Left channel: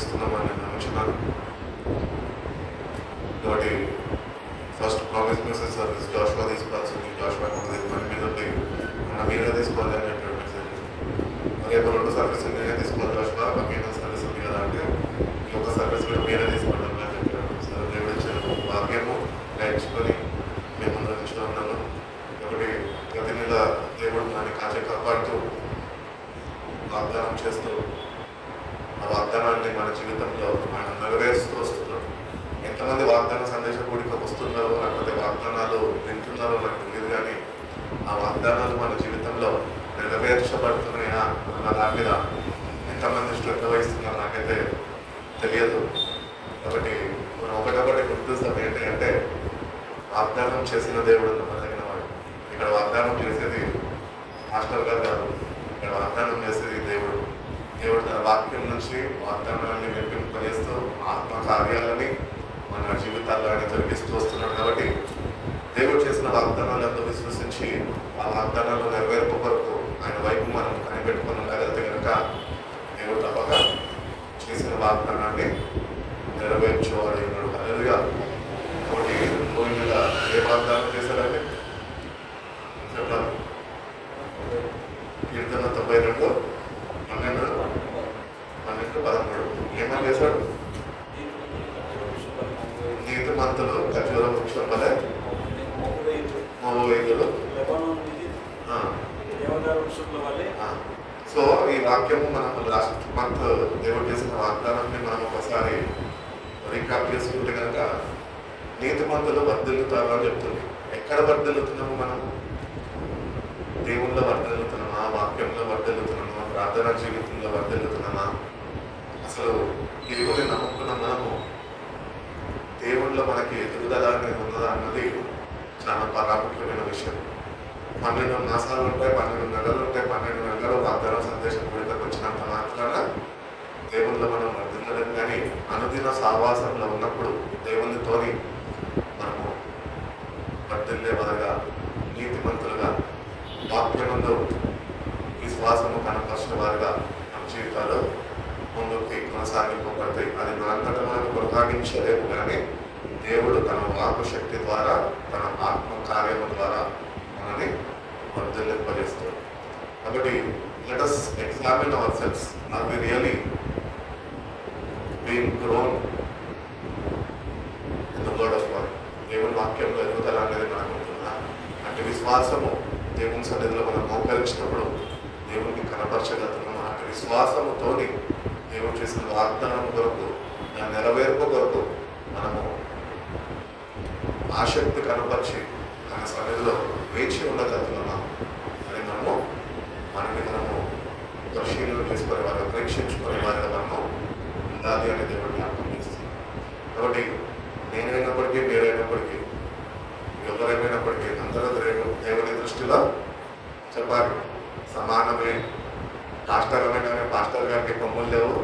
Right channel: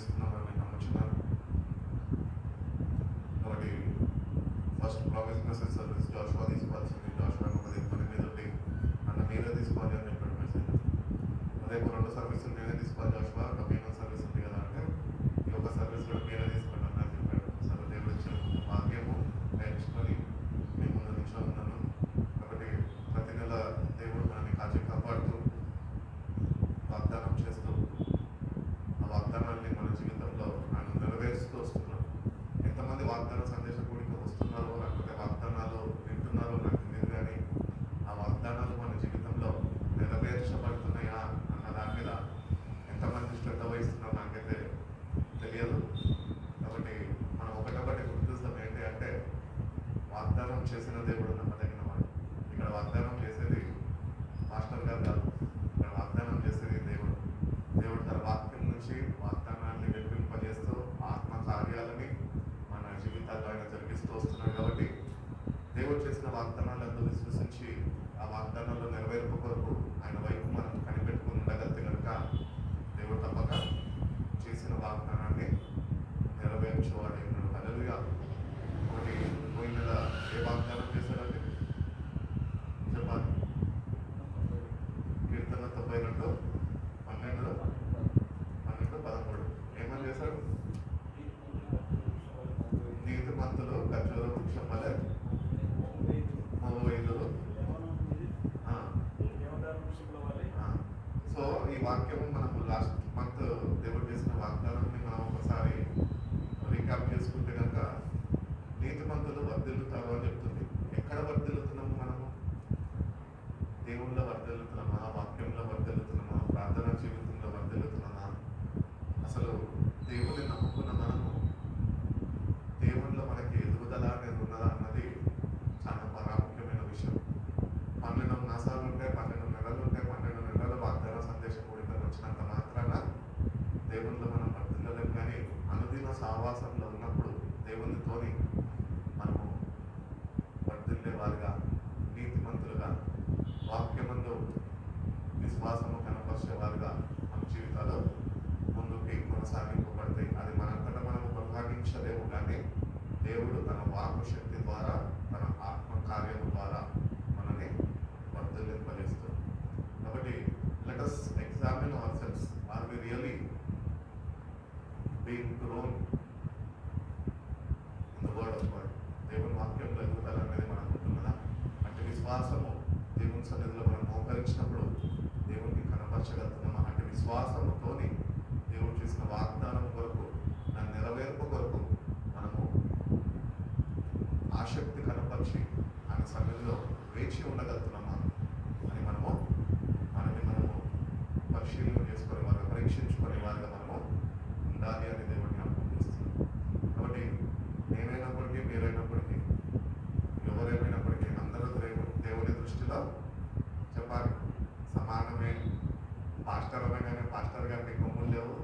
ఇస్తున్నామని నేను నమ్ముచున్నాను. కాబట్టి first promise message service Joshua తీసుకోవాల్సింది, జాషువా మన మీద మీరే తీసుకోవాలి అనేటువంటి మెసేజ్. రేపు 2 సర్వీసులు నేనే తీసుకోవాలి జాషువా, మీరే సర్వీస్ ఉంది కదా అంటే ఈ ఒక సర్వీస్ కూడా మీరే తీసుకోవడం అని చెప్పారు. సార్ దేవుడు ఇచ్చిన భాగ్యము నేర్చుకొని మేము ముందు ఉన్నాను. ఒకటి ప్రతి నెల దేవుడు దాన్ని కాపాడుతూ వాగ్దానం చేస్తూ ఆ వాగ్దానాన్ని మన జీవితంలో ఆయన నెరవేరుస్తూ వస్తున్నాడు. ఎంతమంది వాగ్దాన సందేశం కూడికి వస్తున్నారో, లేకపోతే వాగ్దానాలు వింటున్నారో నాకు తెలియదు, కానీ ఆ వాగ్దానాలు మన జీవితంలో నెరవేర్చబడుతున్నాయా అన్న దాని మీద ఎంతమంది శ్రద్ధ వహిస్తున్నారో నాకైతే తెలియదు. కాబట్టి మనం ఒకటొకటి గుర్తిస్తాం ఏంటి అంటే, వాగ్దానం చేసిన దేవుడు నమ్మదగిన వాడు. ఇక్కడ వాగ్దానం చేసేది మాస్టర్ గారు కాదు, ఇక్కడ వాగ్దానం చేసేది దేవుడు. దేవుడు తన వాక్యం నుంచి వాగ్దానాన్ని వినిపింపజేస్తూ ఆత్మ కార్యాలని మన జీవితాల్లో ఆయన జరిగిస్తూ వస్తున్నాడు. కాబట్టి దేవుడు చేసిన వాగ్దానాలను విశ్వసించి ఆ వాగ్దానాలు నెరవేర్పు కొరకు ఆయన వైపు మనం కనిపెట్టుకుని ఉండగలిగితే కనుక దేవుడు తప్పక చేసిన వాగ్దానాన్ని నెరవేర్చేవాడు ఉన్నాడు. అదేవిధంగా ఒకటి భూమి మీద ఏ వాగ్దానం చేశాడంటే చెప్పాలి, కీర్తన 92 12 13 ఏమని చేశాడు? నీతిమంతులు ఖర్జూర వృక్షం వలె మోవైదులు. సో ఈ వాక్యము మనం లాస్ట్ మంత్ దేవుడు చేసిన వాగ్దానాన్ని మనం ఒకసారి రీకాప్ చేసుకుంటే కనుక నీతిమంతులు వర్ధిల్లుతారు అని చెప్తుంది. ఎక్కడ వర్ధిల్లుతున్నాము మనం? దేవుళ్ళలో వర్ధిల్లుతున్నామా? వాక్యంలో వర్ధిల్లుతున్నామా? ప్రార్థనా జీవితంలో వర్ధిల్లుతున్నామా? అసలు ఇది కూడా నమ్ముకున్న మనము దేవుళ్ళలో మనకి ఎదుగుదల అనేది ఉన్నదా అన్నది చాలా ప్రాముఖ్యమైన విషయం. 12 మాసాలు ఉంటాయి, 12 నెలలు ఉంటాయి. 12 నెలలు వాగ్దాన సందేశం కూడికకు వచ్చినంత మాత్రాన దేవుళ్ళలో మనం వర్ధిల్లడం, కానీ అనుదిన సావాసంలో ఉన్నప్పుడు దేవునితోని మనము వర్ధిల్లే వారుగా, నీతిమంతులుగా, వాక్యమందు విశ్వాసము కనపరిచిన వారుగా మన జీవితాలు ముందుకి కొనసాగింపబడతాయి. అది మనంతటా మనం కొనసాగించలేము, కానీ దేవుడు తన వాక్కు శక్తి ద్వారా, తన ఆత్మ కార్యము ద్వారా మనని వర్ధిల్లింపజేస్తాడు. కాబట్టి let us examine ourselves. Are we really being grown in the word of God? దేవుని వాక్యంలో ఎదుగుదల అనేది మనకు ఉంటుందా? అంటే విశ్వాసము దేవుని సన్నిధిలో మనం మోకరించినప్పుడు దేవునికి కనపరచగలుగుతున్నాము. అంటే విశ్వాసముతోని దేవుడు చేసిన వాగ్దానం కొరకు, దాని నెరవేర్పు కొరకు మనము ఆసక్తి కనపరిచి ఆయన సన్నిధిలో వేచి ఉండగలుగుతున్నామా అని మనము మనము పరిశీలన చేసుకునే వారు, పరీక్షించుకునే వారిగా మనము ఉండాలి అని దేవుడు జ్ఞాపకం చేస్తున్నాం. కాబట్టి నేనైనప్పటికీ, మీరైనప్పటికీ, ఎవరైనప్పటికీ అందరూ దేవుని దృష్టిలో చెప్పాలి సమానమే. పాస్టర్ అనగానే పాస్టర్ గారికి కొమ్ములు లేవు,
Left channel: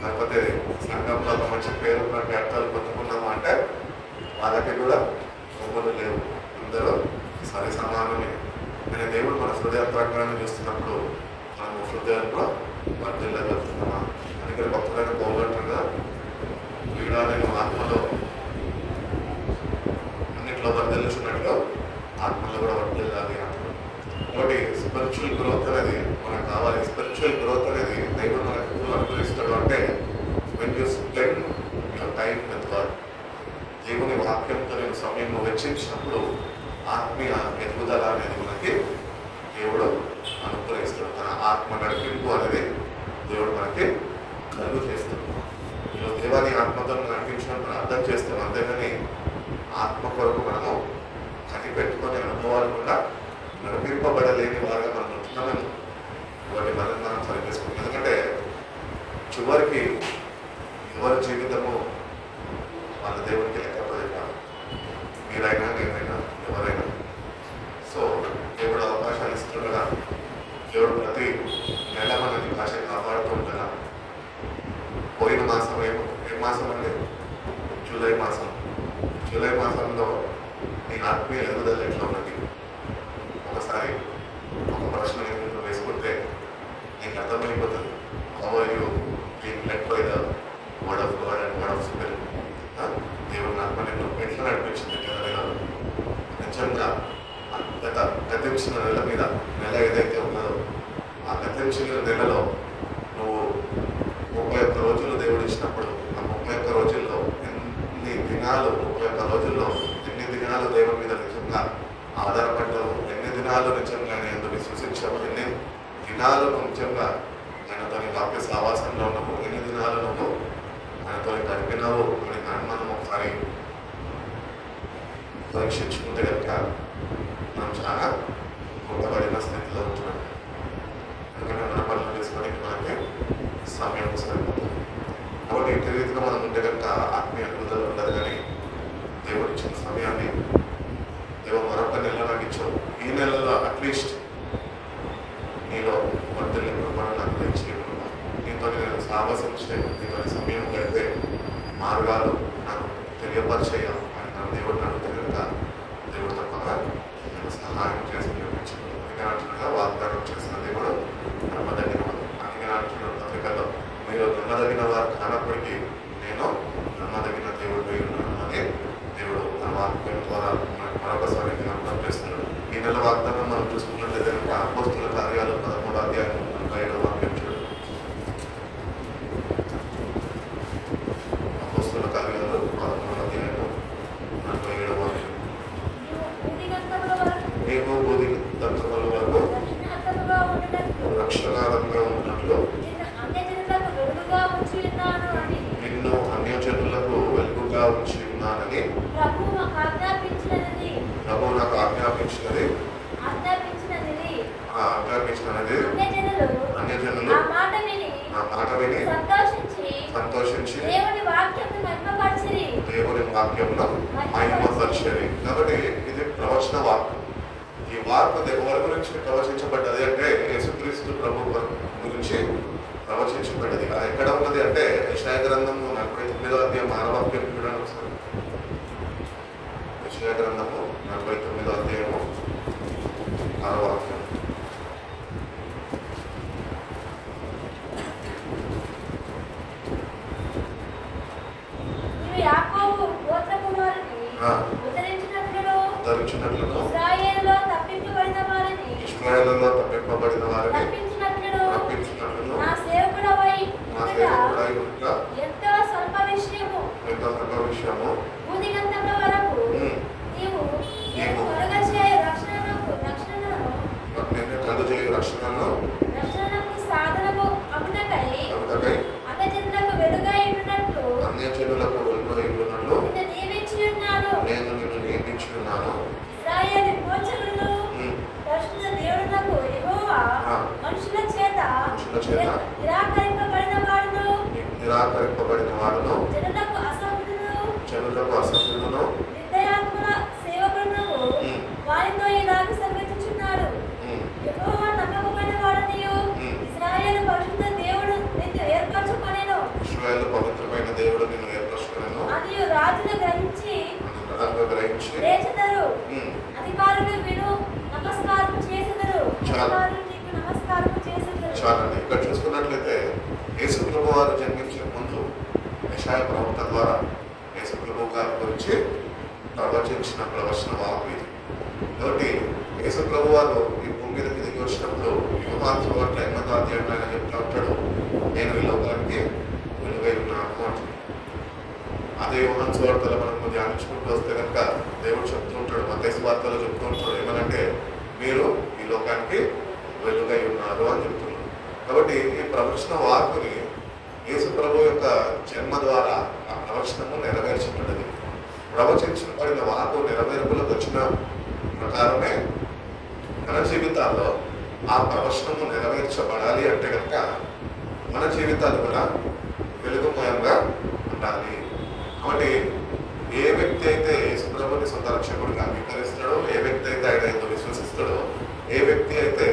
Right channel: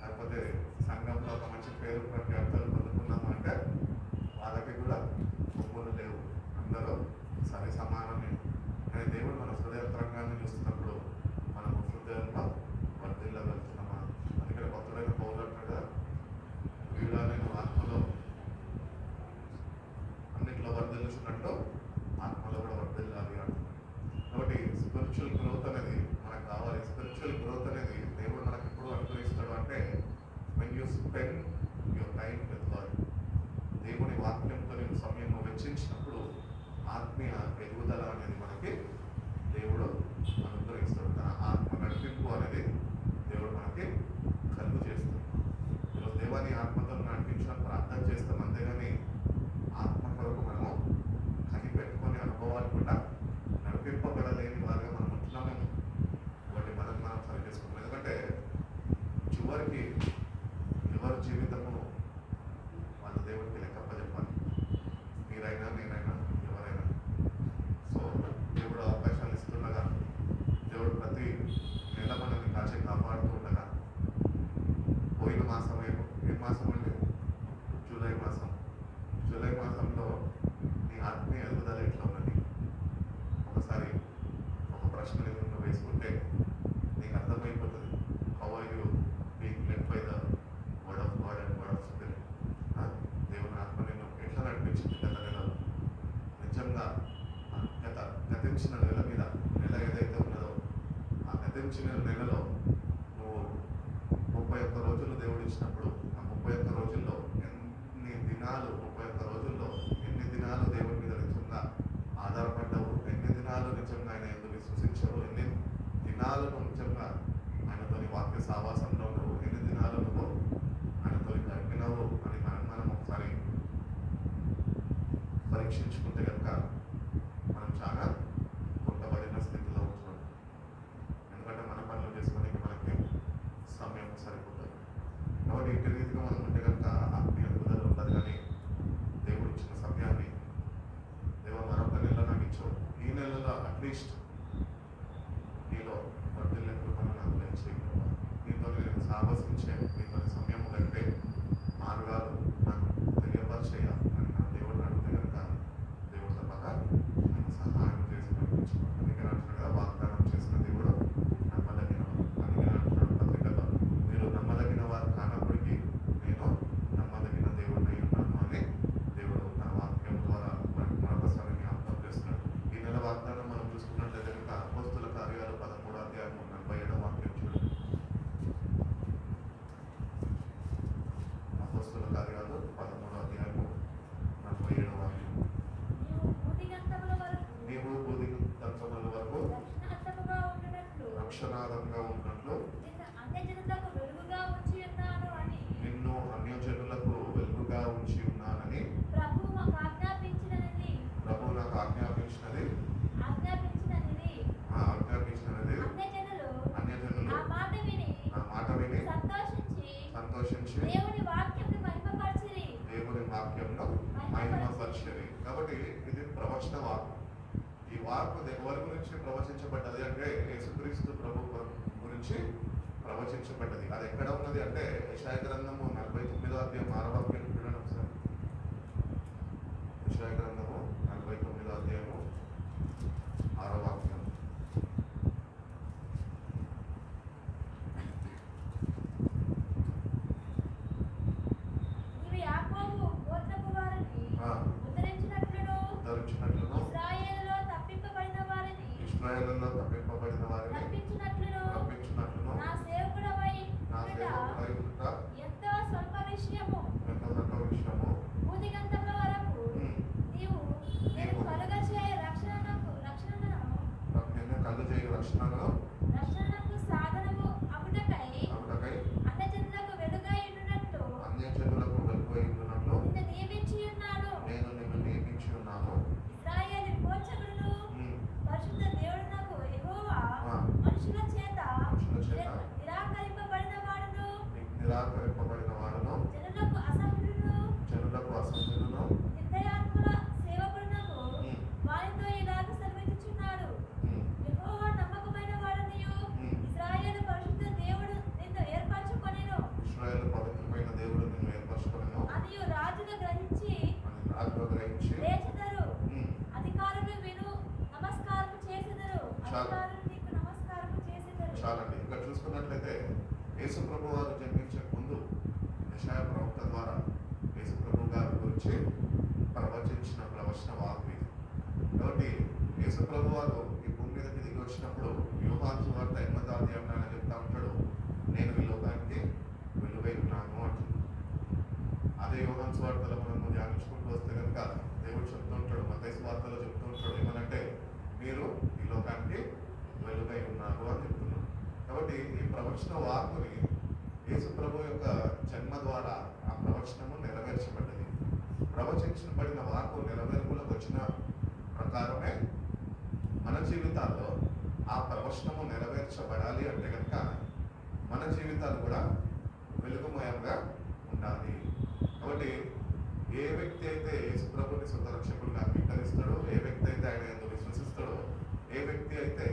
లేకపోతే సంఘంలో ఒక మంచి పేరు ఉన్నట్టు అర్థాలు పొందుకున్నాము అంటే వాళ్ళకి కూడా కొమ్ములు లేవు. అందరూ సరి సమానమే. కానీ దేవుడు మన హృదయత్వాన్ని చూస్తున్నప్పుడు మనము హృదయంలో వర్ధిల్లగలుగుతున్నామా? అందుకని భక్తులైన పోగొట్టుగా వీడా నేను ఆత్మలో అన్నింటిలో వర్ధిల్లుచున్నట్టుగా ఆత్మలో కూడా వర్ధిల్లాలి అంటారు. కాబట్టి స్పిరిచువల్ గ్రోత్ అనేది మనకు కావాలి. స్పిరిచువల్ గ్రోత్ అనేది దేవుడు మనకు ఎప్పుడు అనుగ్రహిస్తాడు అంటే when you spend your time with God, దేవుని వాక్యంతో నేను సమయం వెచ్చించినప్పుడు ఆత్మీయ ఎదుగుదల అనేది మనకి దేవుడు అనుగ్రహిస్తాడు. తన ఆత్మ నడిపింపు అనేది దేవుడు మనకి కలుగు చేస్తాడు. ఈరోజు దేవాన్ని ఆత్మతో నడిపించినప్పుడు అర్థం చేస్తాం, అంతేగాని ఆత్మ కొరకు మనము కనిపెట్టుకునే అనుభవాలు కూడా నడిపింపబడలేని వారుగా మనం ఉంటున్నామని వాటి మనం సరిచేసుకుంటాం. ఎందుకంటే చివరికి ఎవరి జీవితము వాళ్ళ దేవుడికి లెక్కపడేటారు, మీరైనా నేనైనా ఎవరైనా. సో దేవుడు అవకాశాలు ఇస్తుండగా, దేవుడు ప్రతి నెల మనకి భాష కాపాడుతూ ఉండగా, పోయిన మాసం ఏ మాసం అండి? జూలై మాసం. జూలై మాసంలో నీ ఆత్మీయ ఎదుగుదల ఎట్లా ఉన్నది? ఒకసారి ఒక ప్రశ్న నేను వేసుకుంటే నీకు అర్థమైపోతుంది. How are you being led by the word of God and word of spirit. దేవుని ఆత్మ నిన్ను ఎట్లా నడిపించింది నెలలో నిజంగా గతించిన నెల మీద నెల ఏదైతే ఉన్నదో ఆ గతించిన నెలలో నువ్వు 31 రోజులు దేవుడు ఇచ్చినప్పుడు ఆ 31 రోజుల్లో ఎన్ని దినాలు 31 రోజుల్లో ఎన్ని దినాలు దేవుని మీద నిజంగా ఆధారపడ్డావు, ఎన్ని దినాలు నిజంగా నేను విశ్వసించావు, ఎన్ని దినాలు నిజంగా ఆయనతో వాక్య సావాసంలో ఉన్నావు, ఎన్ని దినాలు నువ్వు ఆయనతో గడిపినావు అని మనం ఒకసారి పరీక్షించుకుంటే కనుక మనం చాలా కూడబడిన స్థితిలో ఉంటున్నాం. ఎందుకంటే మన పనులు చేసుకోవడానికి మనకి సమయం సరిపోతుంది. కాబట్టి ఇంటి రీతిగా మనం ఉంటే కనుక ఆత్మీయ అభివృద్ధులు ఉండదు. కానీ దేవుడు ఇచ్చిన సమయాన్ని దేవుడు మరొక నెల నాకు ఇచ్చావు, ఈ నెలలో అట్లీస్ట్ నీలో వర్తలు మనం నాకు ఇచ్చి నీతో నేను సాహసించే నీతో సమయం గడిపే మార్గాలు నాకు తెలియపరిచేయాలి అని నా దేవుడు అడుగుతే కనుక దేవుడు తప్పగా నేను సహాయం చేసి నిర్మించాను. అందుకే వాగ్దానం చేసిన దేవుడు నమ్మదగిన వారు. అందుకే అంటున్నాడు పత్రికల్లో, మీరు నమ్మదగిన వారు కానప్పటికీ నేను నమ్మదగిన దేవుడు ఉన్నాను అని దేవుడు నా వాక్యం ద్వారా మరొకసారి జ్ఞాపకం చేస్తున్నాడు. ఈ నెల వాగ్దానం మనం చూసుకున్నట్లయితే కనుక అపోస్తుల కార్యాలు 13వ అధ్యాయం 45వ వాక్యం చూడండి. అపోస్తుల కార్యాలు 13వ అధ్యాయం 47వ వాక్యం. నీవు బూది దంతముల వరకు రక్షణారంగా ఉన్నట్లు నిన్ను అన్యజనులకు వెలుగుగా ఉంచి ఉన్నానని ప్రభువు నాకు ఆజ్ఞాపించినది అన్యజనులు ఆ మాట విని సంతోషించి దేవుని వాక్యంలో మహిమపరిచారు. కాబట్టి ఇది ప్రవచన వాక్యం. ఈ వార్త ఎవరి గురించి ప్రవచించబడ్డది అంటే యేసుక్రీస్తు ప్రభు గురించి ప్రవచించబడ్డది. అది ఎక్కడ ఉన్నది అంటే యెషయా గ్రంథము 49వ అధ్యాయం 6వ వాక్యం చూడండి ఒకసారి. యెషయా గ్రంథము 49వ అధ్యాయము 6వ వాక్యం. ఉద్ధరించినట్లును ఇశ్రాయేలులో తప్పింపబడిన వారిని రప్పించినట్లును నా సేవకుడవై ఉండుట ఎంతో స్వల్ప విషయము నీవు కలుగజేయు రక్షణను సాధనము అగుటకై అన్యజనులకు వెలుగై ఉండునట్లు నేను నిన్ను నియమించి ఉన్నాను. ఇశ్రాయేలు మోచకుడును పరిశుద్ధ దేవుడునకు యెహోవా మనుషుల చేత నిరాకరింపబడిన వాడును జనులకు అసభ్యుడును నిర్దయాత్మల సేవకుడును వారితో ఇలాగ సంగతించున్నాడు. యెహోవా నమ్మకమైన వాడనియు ఇశ్రాయేలు పరిశుద్ధ దేవుడు నిన్ను ఏర్పరచుకొనెను. ఇశ్రాయేలు పవిత్రమైన దేవుడు నిన్ను ఏర్పరచుకొనెను. అది రాజులు గ్రహించి లేచెదరు. అధికారులు విను నమస్కారం చేసెదరు. చాలండి. ఇక్కడ చూసుకున్నట్లయితే యేసు ప్రభు వారు జన్మించే ముందు యెషయా ప్రవక్త ద్వారా యేసు ప్రభు గారి గురించి ప్రవచించిన ప్రవచన వాక్కు ఇది. కాబట్టి యేసు ప్రభు వారు ఈ భూమి మీదకి దిగి వచ్చినప్పుడు యోహాను సువార్త 8వ అధ్యాయంలో ఆయన చెప్తా ఉంటాడు, నేను ఈ లోకానికి వెలుగై ఉన్నాను అంటాడు. అదే యోహాను సువార్తలో మనం ధ్యానించుకుంటూ వస్తే కనుక దేవుడు చెప్తూ ఉంటాడు, మత్తయి సువార్తలో చెప్తూ ఉంటాడు ఏమనంటే మీరు ఈ లోకానికి వెలుగై ఉన్నారు అని చెప్తున్నారు. కాబట్టి ఈ ప్రవచన వాక్కుని యేసు ప్రభు యొక్క జన్మ ద్వారా ఆ ప్రవచనము నెరవేర్చబడ్డది. ప్రవచించబడిన వాక్కు నెరవేర్పులకు వచ్చిన ప్రకారమే మన జీవితాల్లో ఆ ప్రవచనము నెరవేర్చబడాలి అంటే కనుక మన జీవితాలు కూడా వెలుగుమయంగా ఉండాలి. కాబట్టి ఏ వ్యక్తి అయితే యేసు ప్రభుని సొంత రక్షకుడిగా అంగీకరిస్తాడో, ఏ వ్యక్తి అయితే ఆయన ఎంతో విశ్వసిస్తాడో, ఏ వ్యక్తి అయితే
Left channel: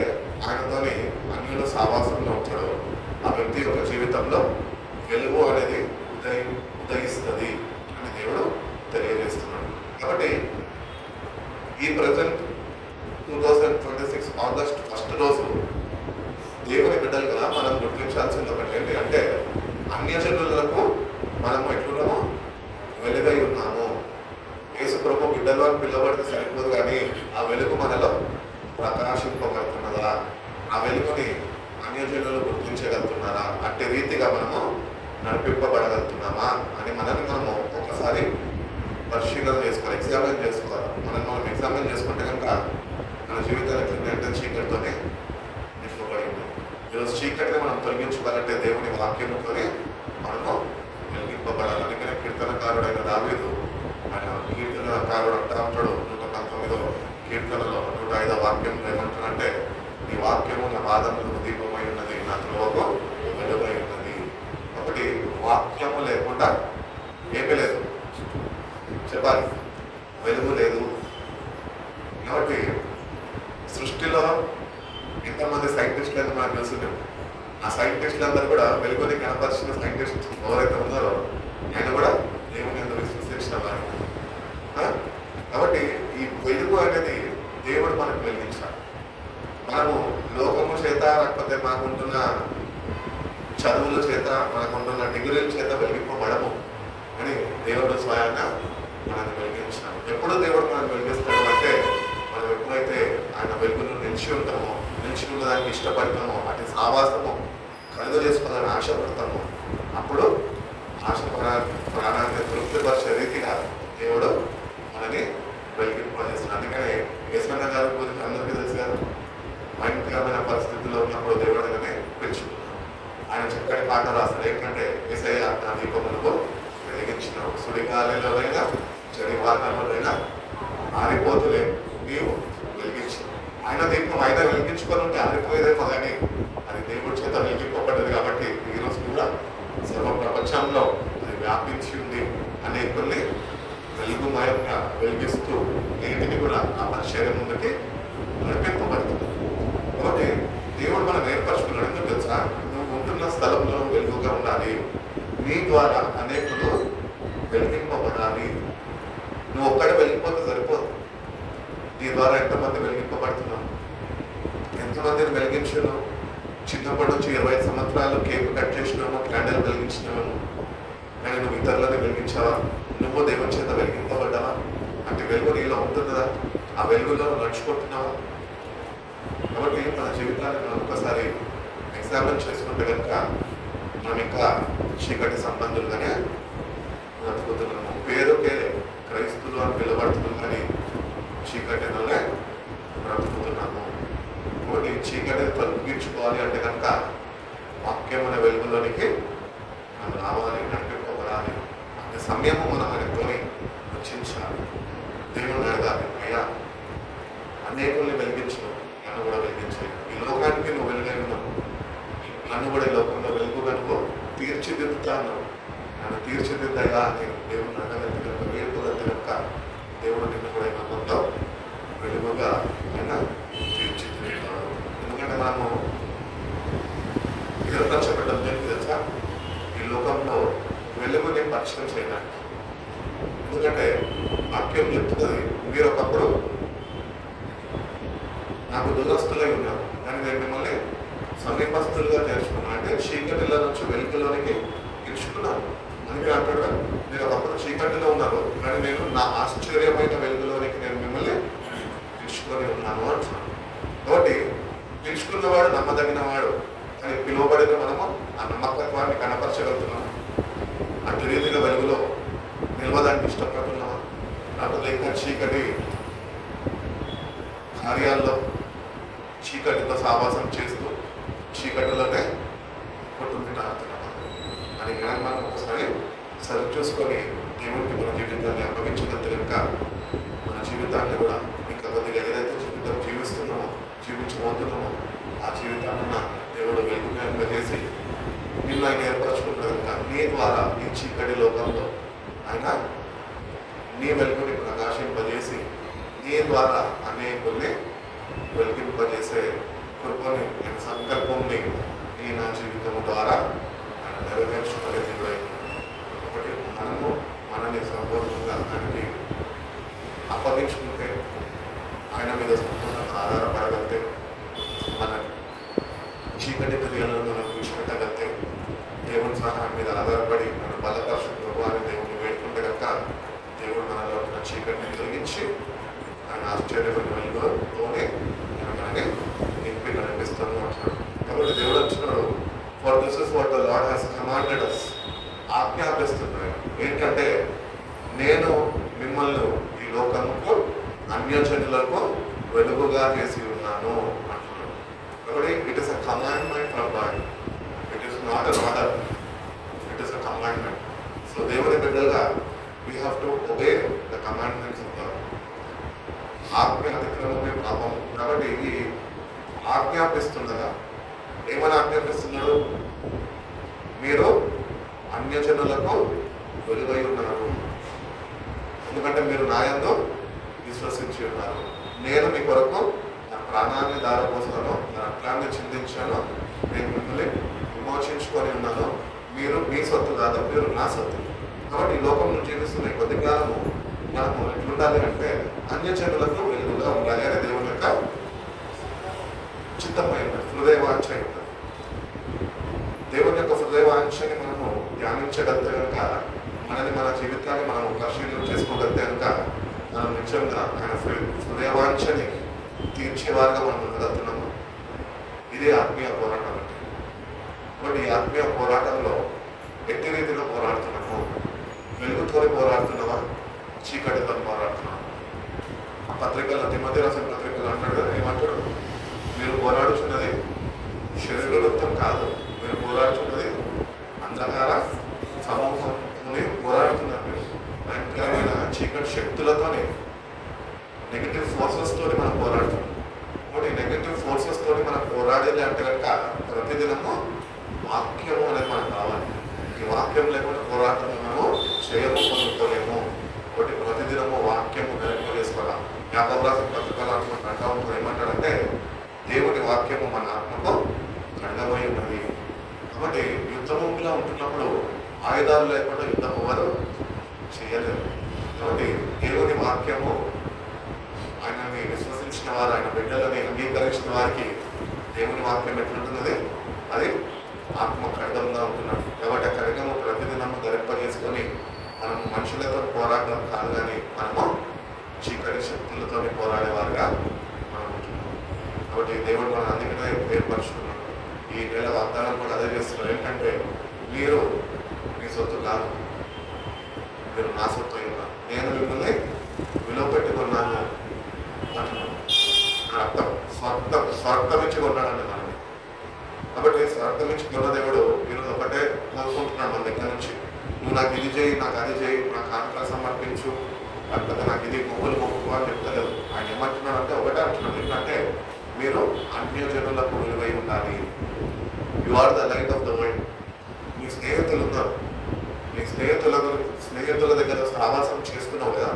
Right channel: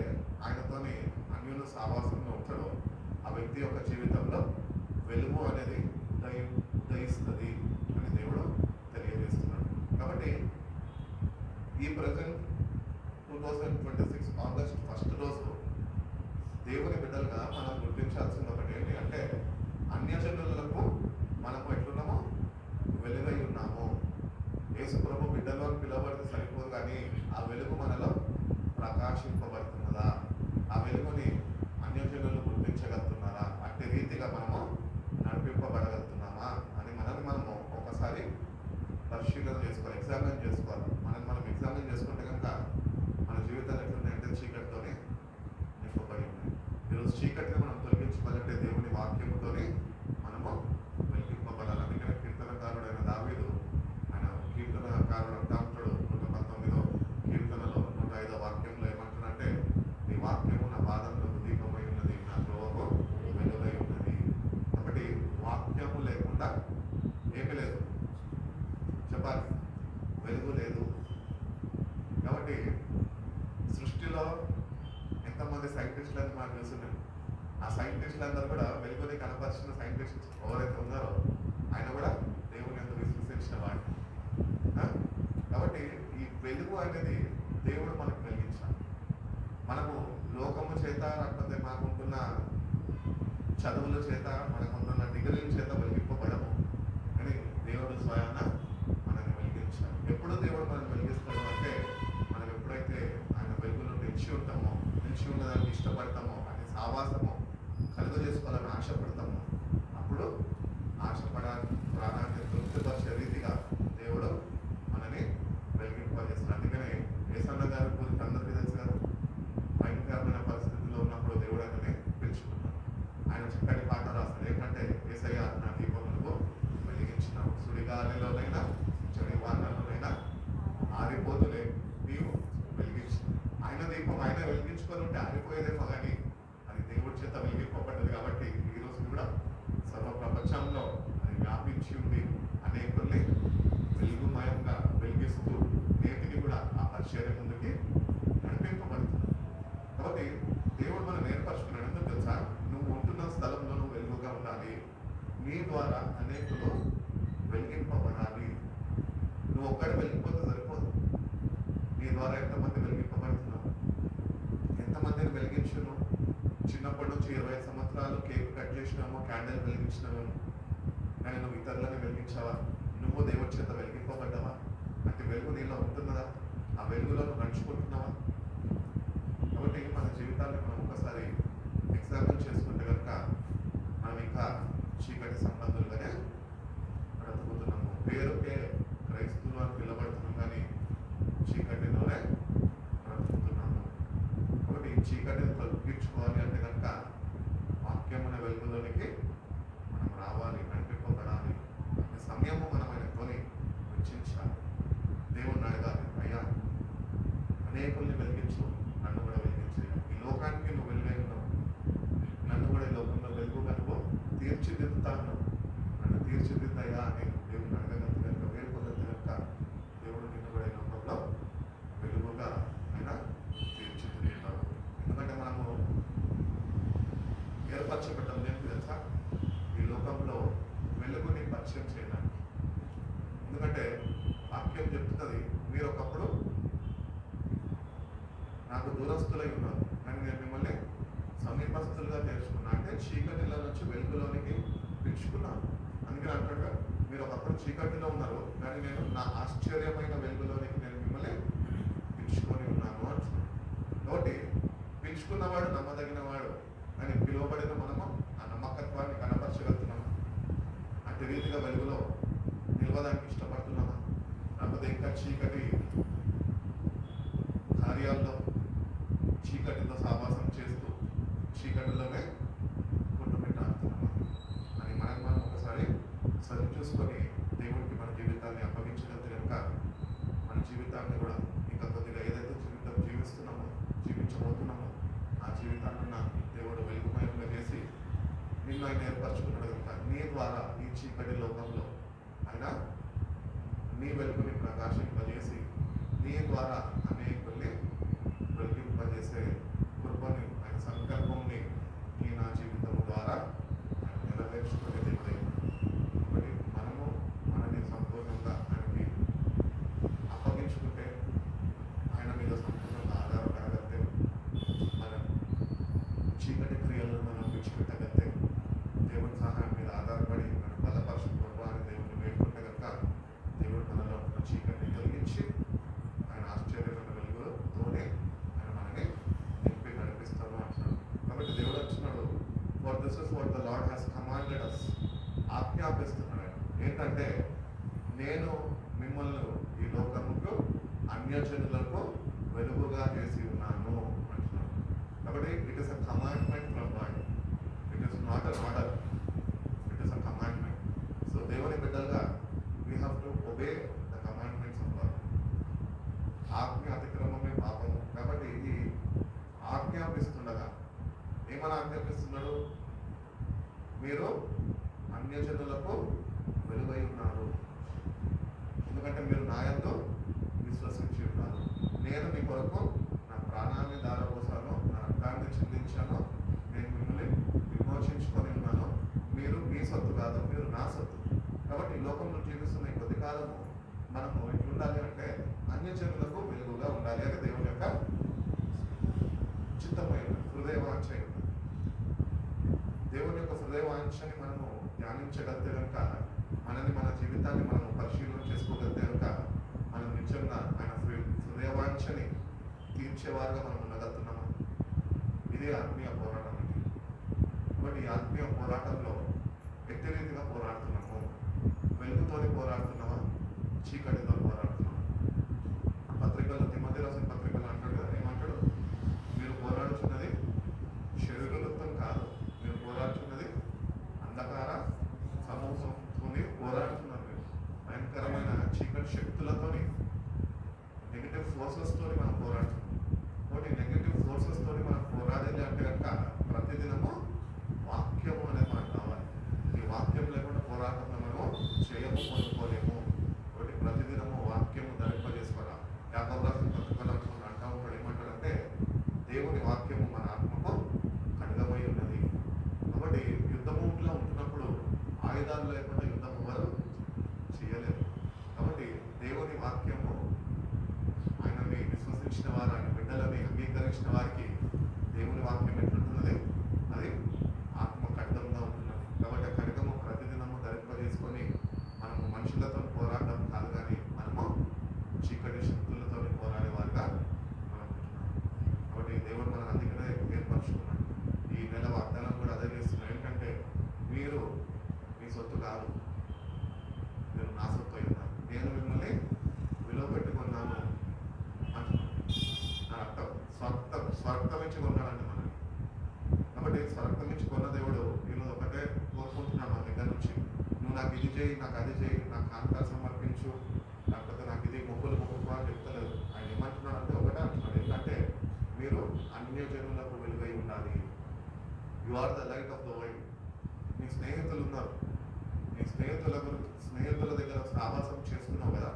ఆయనతోని అన్యుల సావాసంలో ఉంటాడో ఆ వ్యక్తి యొక్క జీవితంలో వెలుగు అనేది ఉదయిస్తుంది అని దేవుడు తెలియజేస్తున్నాడు. కాబట్టి ఈ ప్రజెంట్ 2026 ఆగస్ట్ 1 రోజు దేవుని బిడ్డలుగా మనం గుర్తించాల్సింది ఒకటి ఏంటి అంటే అన్యజనులకు మనము ఎట్లున్నాము? వెలుగై ఉన్నాము. యేసు ప్రభు బిడ్డలు అని పిలవబడితే సరిపోదు, కానీ ఆ వెలుగు మనలో ప్రకాశింపబడుతున్నదా? ఆ వెలుగుని అన్యజనులు గుర్తించగలుగుతున్నారా? అట్టి రీతిగా మనము నడిపింపబడగలుగుతున్నామా అని మనము ఒకసారి పరిశీలన చేసుకోవాలి, ఎగ్జామిన్ చేసుకోవాలి. మనం ఎగ్జామిన్ చేసుకుంటే కనుక మన జీవితానికి అంటే చీకటితోనే నింపబడింది. ఈరోజు చీకటిని మనం తొలగించుకోవాలంటే దేవుని వాక్యంతోనే మనము వెలిగింపబడాలి. అందుకనే కీర్తనకారుడైన దావీదు, ఆయన కీర్తనకారుడు అంటా ఉంటాడు 119వ కీర్తనలో 105వ వాక్యంలో ఏమంటాడంటే, నీ వాక్యము నా పాదములకు దీపమై ఉన్నది, నా త్రోవకు వెలుగై ఉన్నది. ఒకటి, వాక్యము లేకుండా ఏమీ లేదు, చెప్పాలి, వెలుగు లేదు. కాబట్టి సృష్టిలో ఎంతమంది సైంటిస్టులు అని మనకు తెలుసు. ఆ సైంటిస్టులు అందరూ కూడా వెలుగుని కనపరిచిన సైంటిస్ట్ ఎవరైతే ఉన్నారో ఆయన కూడా దేవుని ఎందుకు విశ్వసించిన వారు. కాబట్టి ఈ వెలుగు అనేది దేవుడు మనకు వెలిగించాలి. మనము లోకము చేత, లేకపోతే మనకుంటున్న చదువుల చేత, మనకుంటున్న డిగ్రీల చేత వెలిగింపబడము అని దేవుడు స్వయంగా మనల్ని వెలిగించాడు. ఎప్పుడు దేవుడు మనల్ని వెలిగిస్తాడు అంటే, మనం ఎప్పుడైతే ఆయన వెలుగును నిలిచి ఉంటామో, నిలిచి ఉన్నదానికి ఇష్టపడతామో, అటు సావాసము కలుగు చేసుకోవాలని ఆశపడతామో, అప్పుడు ప్రాణాన్ని తృప్తిపరిచే రీతిగా దేవుడు మనని వెలిగింపజేస్తున్నాడు. అందుకనే యేసన్న గారి గురించి అందరికీ తెలుసు కదా, భయంకరమైన పరిస్థితుల్లో ఉన్నప్పుడు దేవుడు ఆయననే పిలుచుకున్నాడు. ఆయన చక్కటి పాట రాస్తాడు, ఏంటంటే యేసయ్య నా దీపములకు వెలిగించినావు, సుడిగాలిలోనైనా చలివానలోనైనా ఆరిపోతులే నీవు వెలిగించు. ఆయన దీపం ఆయన వెలిగించుకొని ఉంటే ఆరిపోయేదేమో, కానీ అది దేవుడి చేత వెలిగింపబడ్డది. కాబట్టి ఈరోజు కూడా సర్వ ప్రపంచంలో అది వ్యాపించి ఉంది. అనేకుల్ని వెలుగుమయంగా వెలిగిస్తూ నేటిని కూడా ఆ పరిచర్య ముందుకి నడిపింపబడుతుంది. కాబట్టి దేవుడు మనం ఏర్పరచుకున్నాడు. ఎందుకు తెలుసా? నువ్వు ఉంటున్న స్థలంలో వెలుగుగా ఉండాలి, నీ ద్వారా అనేకులు వెలిగింపబడాలి. నువ్వు ఒక్కడే వెలిగిపోతే సరిపోదు, నీ ద్వారా ఎంతమంది వెలిగింపబడుతున్నావు, ఎంతమందిని వెలిగించినావు. చిన్నప్పటి నుంచి 25 సంవత్సరాలు కేక్ కట్ చేసినాము, క్యాండిల్ వెలిగించినాము, కానీ నువ్వు ఇతరులని వెలిగించావా? నువ్వు దేవుని చేత వెలిగింపబడ్డావా? అంటే వెలుగు నీలో ఉంటున్నదా? ఆ వెలుగులో నడుచుకుంటున్నావా? కాబట్టి మన జీవితాన్ని మనం ఒకసారి ఎగ్జామిన్ చేసుకుంటే కనుక మనం ఇంకా చీకటి సంబంధులుగానే బ్రతుకుతున్నాము. పేరుకే క్రైస్తులు అని పిలువబడుతున్నాం, కానీ చీకటిలోనే బ్రతుకుతున్నాము. కాబట్టి చీకటిని తొలగించుకోవాలి అంటే కనుక వాక్యమైన వెలుగులోనికి మనం రావాలి, నడిపింపబడాలి. అంటే సమయము మనం ఆయనతోని రచించాలి. దేవుని అడగాలి, అయ్యా అనేకుల్ని వెలిగించు, నన్ను కూడా వెలిగించాలి. ఈ లోకానికి నువ్వు వెలుగై ఉన్నావు, నన్ను కూడా ఈ లోకంలో వెలుగు కనుక తీర్చిదిద్దుతాను, నన్ను తీర్చిదిద్దగా నేను దేవుని అడగలిగి కనుక వేడుకోగలిగి కనుక దేవుడు నిన్ను కూడా నమ్మకంలో వెలుగుగా ఆయన తీర్చిదిద్దుతాడు. ఎందుకంటే మనము ఏర్పరచబడ్డం దేనికి తెలుసా? ఈ లోకంలో వెలుగుని పరిచయం చేయడానికి. ఎందుకంటే వాక్యం చెప్తున్నది, మీరు ఒకప్పుడు నాకు దూరస్తులై ఉన్నారు, కానీ నేను మిమ్మల్ని సమీపస్తులుగా నేర్చుకున్నాను. అంటే చీకటిలో నుంచి వెలుగులోనికి ఇచ్చుకున్నాను. అందుకే అంటాడు, మీరు ఒకప్పుడు చీకటిలో ఉన్నారు, కానీ నేను నా ఆశ్చర్యమైన వెలుగులోనికి నేను మిమ్మల్ని పిలుచుకొని ఉన్నాను అంటున్నాను. కాబట్టి పిలుచుకున్నవాడు నమ్మదగినవాడు, కానీ పిలువబడిన మనము ఆ నమ్మకత్వాన్ని కనపరచగలుగుతున్నాము. అటు రీతిగా వెలుగులో నిలవడానికి ఇష్టపడుతున్నామా? లేకపోతే ఇంకా చీకటి కార్యాల్లో చీకటితో సావాసం చేస్తూ చీకటిలోనే కొట్టుకుంటున్నామా అని మనం ఒకసారి సరి చూసుకొని దేవుడికి మన జీవితాన్ని అప్పగించగలిగితే కనుక మన జీవితాన్ని కూడా ఇంకా కొద్దిగా ఏదైతే జీవితం జీవించబోతున్నామో ఆ జీవితాన్ని దేవుడు వెలుగుగా చేసి నిన్ను ఆయన ఏర్పరచుకుంటారు కనుక నీ ద్వారా ఈ చీకటి లోకంలో ఆయన నీ వెలుగుని ప్రకాశింపజేసి నీ ద్వారా అనేకుల్ని వెలిగింపజేసే కృపని ఆయన సంకల్పంని నీ నా జీవితం ద్వారా ఆయన నెరవేర్చుకునేది. ఒకటి మనము మనని సంపూర్ణంగా ఆయనకి అప్పగించుకుంటే, ఆయన మీద సంపూర్ణంగా ఆధారపడగలిగితే, మన చీకటి క్రియలను మనం విడిచిపెట్టగలిగితే, దేవుని సహాయం మీద ఆధారపడి మన బలపరచు ప్రభు అని దేవుడిని వేడుకుంటే కనుక దేవుడు మనలో ఉన్న చీకటిని తొలగించి ఆయన ఆశ్చర్యమైన వెలుగుతోనే మనల్ని నింపి నడిపిస్తాను అంటున్నాడు. కాబట్టి దేవుడు వచ్చినాడు, for this is what the lord has commanded us, ఆజ్ఞాపిస్తున్నాడు. ఏంటంటే నేను మిమ్మల్ని ఈ లోకముకు అన్యజనులకు వెలుగుగా చేసి ఉన్నాను అంటున్నాడు. కాబట్టి it is a commandment from God, it is not an order, it is a commandment. So దేవుని బిడ్డలుగా we have to obey the commandments of God. ఆజ్ఞ అతిక్రమమే పాపం. కాబట్టి ఈ ఆజ్ఞాపిస్తుండగా ఏమని ఆజ్ఞాపిస్తున్నాడు? మీరు అన్యజనులకు వెలుగై ఉన్నారు, ఎందుకంటే మీరు నా యందు విశ్వసించి ఉన్నారు. నేను మీ కొరకు నా ప్రాణాన్ని దారపోసాను, నా రక్తాన్ని చిందించాను, నేను మిమ్మల్ని విమోచించుకొని ఉన్నాను. మీరు మీ సొత్తు కాదు, మీరు నా సొత్తు. కాబట్టి ఈ లోకంలో జీవిస్తున్న కొద్ది కాలము మనము ఎట్లుండాలి అంటే అన్యజనులకు వెలుగుగా ఉండాలి అని దేవుని యొక్క చిత్తమై ఉన్నది, హృదయవాంఛ ఉంటుంది. దేవుని యొక్క హృదయవాంఛని మనము ధ్యానించగలిగితే కనుక, మనని మన జీవితాన్ని మనం పరిశీలన చేసుకోగలిగితే కనుక మనం నిజంగా ఆయన హృదయవాంఛని తీర్చేవారుగా మనం ఉండగలుగుతున్నాము. ఇదే ఆత్మీయ పోరాటం అంటే. కాబట్టి ఈ ఆత్మీయ పోరాటంలో ఎట్టి రీతిలో పోరాడుతున్నాము? వెలుగుతో పోరాడుతున్నావా, చీకటితో పోరాడుతున్నావా? పత్రికల్లో తిమోతి రాసిన పత్రికలు అంటాడు కదా, ఏమంటాడు? మీరు పోరాడుతున్నది శరీరవృత్తం కాదు, మీరు పోరాడుతున్నది అంధకార సమూహంని పోరాడుతున్నారు. మీరు భయంకరమైన చీకటి శక్తులతోని, నెగిటివ్ ఫోర్సెస్ తోటి మనం పోరాడుతున్నాం. కాబట్టి నెగిటివ్ ఫోర్సెస్ తోటి మనం పోరాడేది అంటే కనుక ప్రతిదినము వాక్యము అనేది మనకు కావాలి. ఈ వాక్యం లేకుండా పోరాటం మనము చేయము, పొందుకోలేము. కాబట్టి ప్రతిదినము వాక్యము వెనక్కి వేసుకోవాలి. యాకోబు రాసిన పత్రికలు అంటూ ఉంటారు, ఏమంటాడంటే దేవుని వాక్యము మన ఆత్మకు ఖండమై ఉన్నది. కాబట్టి యుద్ధభూమిలో ఉంటున్నప్పుడు ఆయుధాలు లేకుండా యుద్ధం ఎవరు చేయలేరు. కాబట్టి దేవుని వాక్యము ఆయనని విశ్వసించిన వారు, ఆయన బిడ్డలని అంగీకరించిన వారికి దేవుని వాక్యం ఎట్లుంటున్నది? అది ఆత్మ ఖండంగా ఉంటున్నాడు. కాబట్టి ఆ ఖడ్గము ప్రతిదినము ధరింపజేసుకొని మనము మనుషులతో పోరాడడం కాదు, కానీ మనము చీకటి శక్తులతో పోరాడేవారుగా మనం ఉంటున్నాం. కాబట్టి దేవుడు మనం అందుకనే ఏర్పరుచుకున్నాడు. ఈ నెల వాగ్దానం కూడా అదే చేస్తున్నారు. ఏంటంటే మీరు మీ సొత్తు కాదు, మీరు నా సొత్తు ఉన్నారు, నేను మిమ్మల్ని విలువ పెట్టుకున్నాను అంటున్నాను. అర్థం స్వార్థం ఇచ్చి కొన్నాడండి మనల్ని. కాబట్టి స్వార్థం ఇచ్చి కొన్న దేవుడు ఈరోజు ఒకటే కోరుకుంటున్నాడు మన దగ్గర నుంచి, నువ్వు నాకు ఇది చేయి, నాకు అది చేయి, నాకు కానుకలు సమర్పించు, లేకపోతే నాకు ఇది మొగ్గులు మొక్కు అని చెప్తలేదు. ఆయన ఏమంటున్నాడు అంటే ఒకటే అంటున్నాడు, ఎందుకంటే మీరు అన్యజనులకు విలువై ఉండాలి. You are the light of the world. మీ స్నేహితులు ఉన్నారు, నీ స్నేహితుల దగ్గర సావాసం చేస్తున్నావు కదా,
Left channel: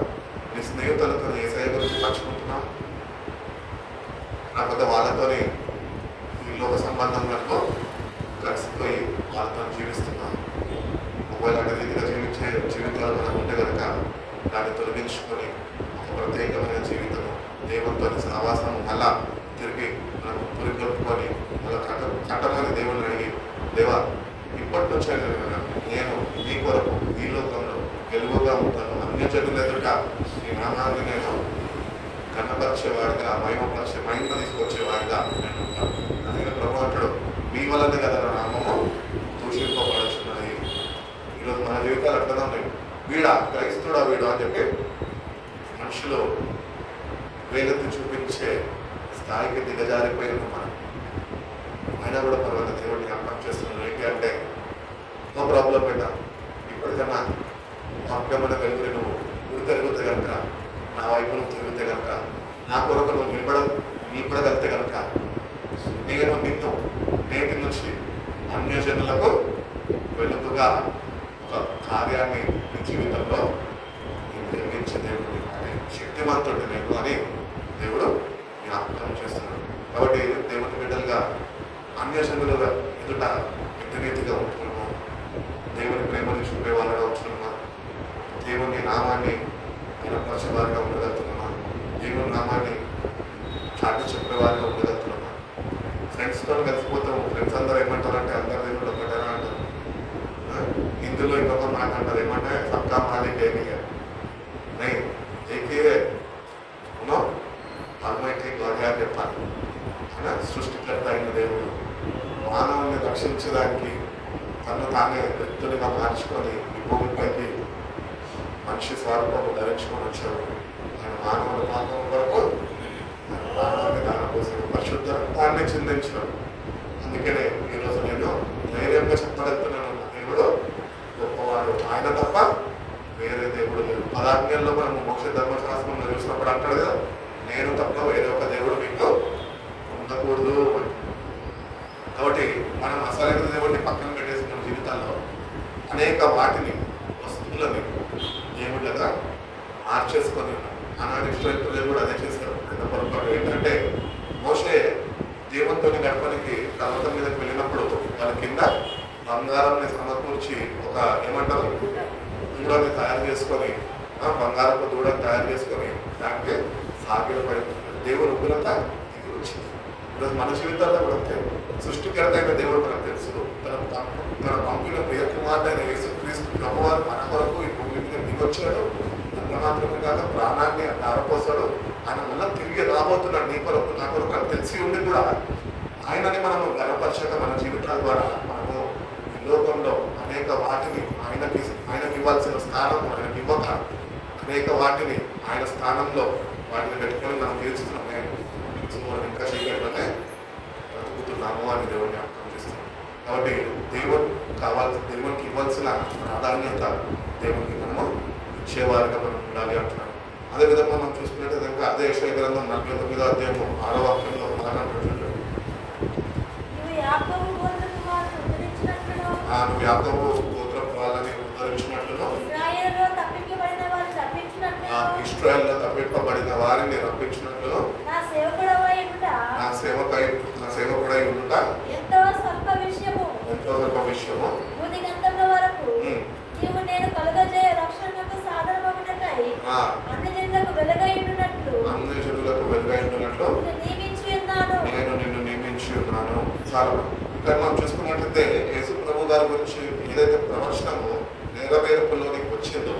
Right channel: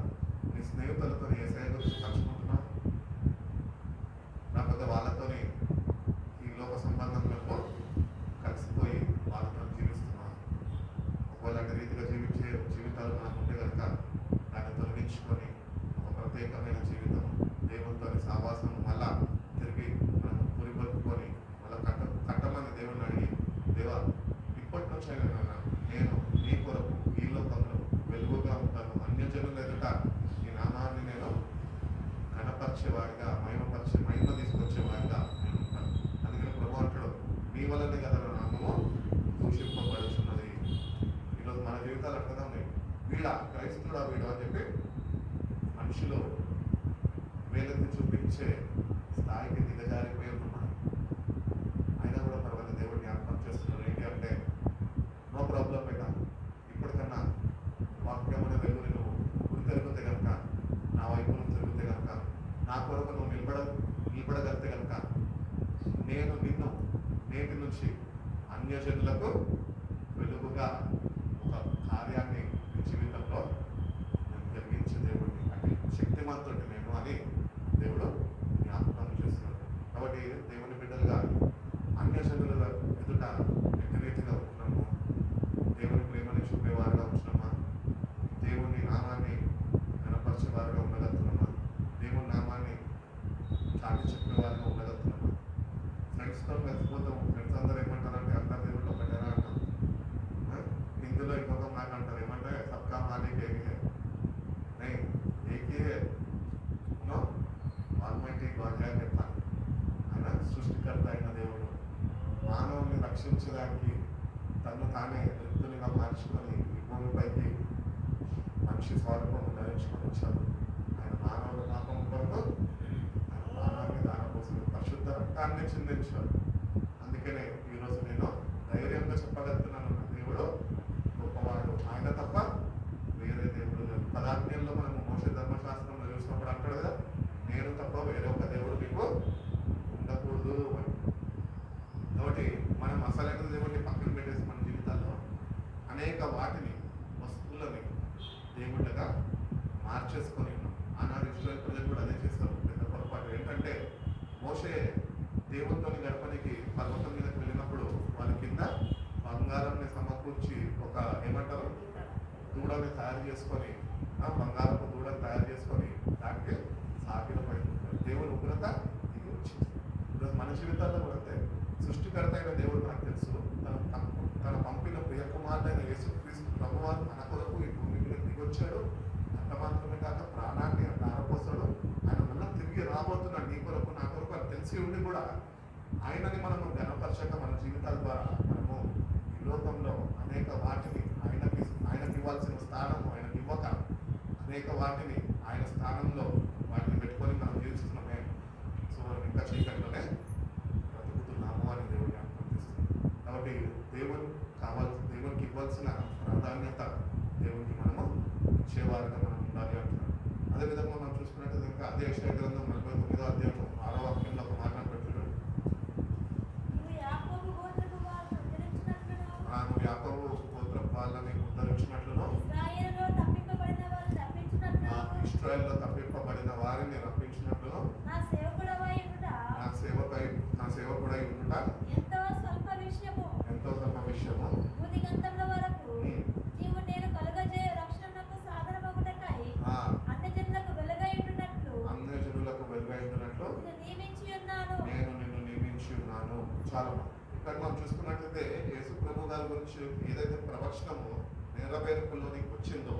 నీ స్నేహితులతో యేసయ్య గురించి పంచుకుంటున్నావు, లేకపోతే వాళ్ళతోని ఈ లోక సంబంధంలో కలిసిపోయి వాళ్ళతో జీవిస్తున్నావు. ఒకవేళ అనే రీతిగా జీవించే జీవితాలు మనకు ఉంటే కనుక దాన్ని తొలగించుకొని ఒక ప్రత్యేకమైన జీవితము, దేవునితో సహవాసము మళ్ళా తిరిగి మనం పురిగొట్టుకొని మళ్ళీ కట్టమని దేవుని అడిగి, దేవా ఇప్పటి నుంచి నేను నీ కొరకు ఈ లోకంలో వెలుగుగా ఉంటాను, అన్యజనుల ఎదుట నీ నామాన్ని నేను కన్నపరిచేవాడిగా, మహిమ తీసుకొచ్చేవాడిగా నేను ఉంటాను. అందుకని ప్రభు అంటాడు, మీ వల్లనే కదా నా నామము దూషింపబడుతున్నది. ఈరోజు మన జీవితాలు అట్లా ఉన్నాయి. వీడా క్రైస్తుడా వీడు అని చెప్పి మనుషులు వేలెత్తి చూపించే స్థాయికి దిగజారిపోయిన మనం. అయినా కూడా పర్వాలేదు, దేవుడిని జ్ఞాపకం చేస్తున్నాడు. ఏంటి అంటే నో ప్రాబ్లం పెట్టా, ఇప్పటికన్నా వాక్యమైన వెలుగుని నువ్వు గురి తిరుగుతే కనుక, నా వైపు నువ్వు తిరిగితే కనుక, నా కొరకు నువ్వు నిలబడగలిగితే కనుక, నేను నిన్ను నేటి నుంచి అన్యజనులకు వెలుగుగా ఒక కార్యాన్ని నీ జీవితంలో నిర్మించే దేవుడు శక్తివంతుడు నేను అని దేవుడు జ్ఞాపకం చేస్తున్నాడు. కాబట్టి దేవుని బిడ్డలుగా అన్యజనులుగా ఎదుట ఎదురీతిగా ఉంటున్నాము, దేవుని ప్రేమని చూపే వాళ్ళగా ఉంటున్నామా, దేవుని నామాన్ని వినపరిచేవారిగా ఉండగలుగుతున్నామా, దేవుని నామాన్ని చాటి చెప్పేవారిగా ఉండగలుగుతున్నామా? ఫ్రెండ్స్తో కలిసిపోతాము, ఫ్రెండ్స్ అందరూ ఏమంటారంటే అందరు దేవుడు ఒకటేనా అంటారు. హిందీలో ఇంకొక మాట అంటారు, ఏమంటే సబ్కా మాలిక్ ఏమియే నై ఏకీయే ఉనో ఆల్మైటీ గాడ్ అని చెప్పాలి. సృష్టికర్త అయిన దేవుడు మానవుని రక్షించడానికి తను తానే వ్యక్తులుగా మార్చుకొని ఈ భూమిపైకి మనిషి స్వరూపము ధరించుకొని వచ్చాడు. ఆయన మానవుల పాపం కొరకు ప్రాణాన్ని దాని కోసం పరిశుద్ధ రక్తాన్ని చిందించినాడు. అందుకనే ఈరోజు నేను ధైర్యంగా చెప్పగలుగుతున్నాను, దేవుడు గొప్పవాడు, ఆయన తప్ప వేరే దేవుడు లేదు. పదాజ్ఞల్లో మనం మోక్ష ధర్మశాస్త్రంలో చూసినప్పుడు అంటాడు కదా, నేను తప్ప వేరే ఒక దేవుడు మీకు ఉండకూడదు. కాబట్టి మనం అసలైన దేవుడిని పక్కన పెట్టేసి మన జీవితాల్లో అనేక వాటిని వస్తువులని దేవుళ్ళగా మార్చేసుకొని ఉన్నాం. ఆనాడు ఇశ్రాయేలు ప్రజలు కూడా అదే చేశారు. పెద్ద పొరపాటు ఏంటంటే, మోషే దేవునితో గడపడానికి పర్వతం మీదకి వెళ్ళినప్పుడు వాళ్ళ కింద బంగారాన్ని సమకూర్చి ఒక ఏమంటారు దూడని తయారు చేసుకొని, బంగారపు దూడని తయారు చేసుకొని దానికి సాగిల పడుతుంది. దేవుని ఉగ్రత ఇది వచ్చింది. ఈరోజు మన జీవితాల్లో కూడా సృష్టికర్త అయిన దేవుడు మనకు తెలుసు. తన పంపిన ప్రియ కుమారుడైన యేసుక్రీస్తు ప్రభువారు మన కొరకు ఈ భూమి మీద దిగొచ్చాడు. అంత మాత్రమే కాక ప్రాణాన్ని ధారపోసాడు. ఆయన మళ్ళీ తిరిగి రాబోతున్నాడు నీ కొరకు నా కొరకు అని తెలిసి ఉండి కూడా ఆయనని మనము గర్వపరచక మన జీవితాల ద్వారా మనము ఈ లోకంలో అనేక వాటిని ఆయనకి ఇవ్వాల్సిన స్థానం ఆయనకి ఇవ్వక అనేక వాటిని ఆయన స్థానంలో వాటిని పెట్టుకొని మనం తీర్చుతున్నాం. ఇంకా చీకట్లోనే బ్రతుకుతున్నాము అని దేవుడిని అర్థం చేస్తున్నాం. కాబట్టి దేవునికి ఇవ్వాల్సిన ప్రాధాన్యత దేవునికి మనము ఇచ్చేవారిగా మనం ఉండాలి అంటున్నాం. అదేవిధంగా మనం చూసుకున్నట్టు ఇంకా అదే యెషయా గ్రంథం 49వ అధ్యాయము 6వ వాక్యంలో నువ్వు యాకోబు గోత్రం వాళ్ళని ఉద్ధరించినట్లును ఇశ్రాయేలులో తప్పింపబడిన వారిని రప్పించినట్లు నా సేవకుడై ఉండుట ఎంతో స్వల్ప విషయము నేను కలుగజేయ రక్షణకు సాధనమగుటకై అన్యజనులకు వెలుగైయున్నట్లు నేను నిన్ను నియమించి ఉన్నాను. చాలా ఇక్కడ మనం చూసుకున్నట్లయితే యేసు ప్రభు గారి గురించి ఏదైతే ప్రవచనము నెరవేర్పులోనికి వచ్చిందో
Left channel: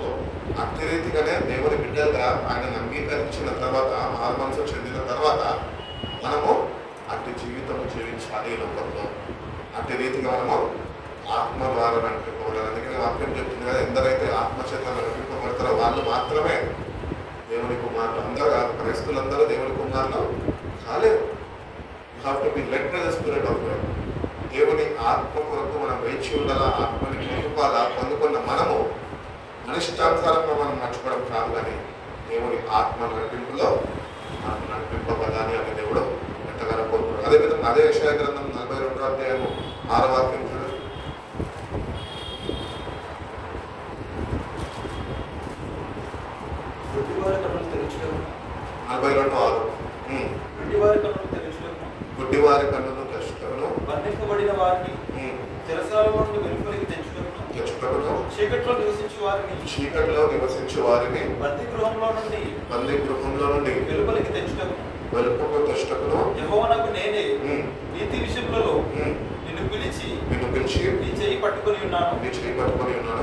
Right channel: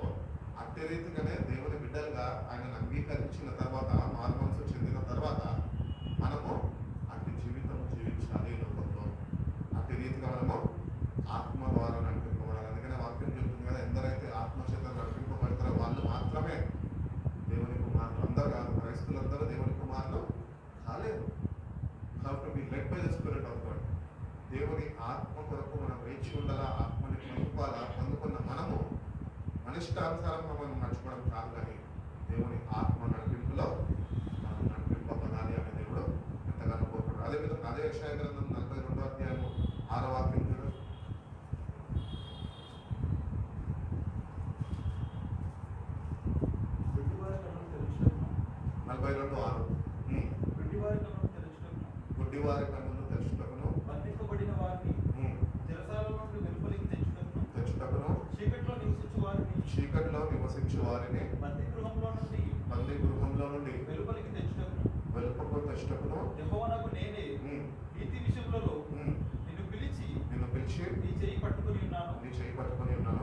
అట్టి రీతిగానే దేవుని బిడ్డలుగా ఆయనను అంగీకరించిన తర్వాత, మారుమనసు చెందిన తర్వాత మనము అట్టి జీవితం జీవించాలి ఈ లోకంలో. అట్టి రీతిగా మనము ఆత్మ ద్వారా నడిపింపబడాలి. అందుకని వాక్యం చెప్తుంది కదా, ఎందరైతే ఆత్మచేత నడిపింపబడతారో వాళ్ళు మాత్రమే దేవుని కుమారులు. అందరూ క్రైస్తులందరూ దేవుని కుమారులు కాలేరు. You have to B lead by the spirit of God. దేవుని ఆత్మ కొరకు మనం వేచి ఉండాలా. ఆత్మని పొందుకోవాలా. పొందుకున్న మనము అనిష్టానుసారంగా మనం నడుచుకోవడం కాదు, కానీ దేవుని ఆత్మ నడిపింపులో మనం నడిపింపబడాలి అని దేవుడు ఎంతగానో కోరుకున్నాడు. అదేవిధంగా అదే యెషయా గ్రంథం 42వ అధ్యాయము 6వ వాక్యం చూడండి. 42:6 గుడ్డివారి కన్నులు తెరుచుటకును బంధింపబడిన వారిని చెరసాలలో నుండి వెలుపలికి తెచ్చుటకును చీకట్లో నివసించు వారిని బందీ గృహంలో నుండి వెలుపలికి తెచ్చుటకును యెహోవానగు నేనే నీతి విషయములలో నిన్ను పిలిచి నీ చేయి పట్టుకొని ఉన్నాను.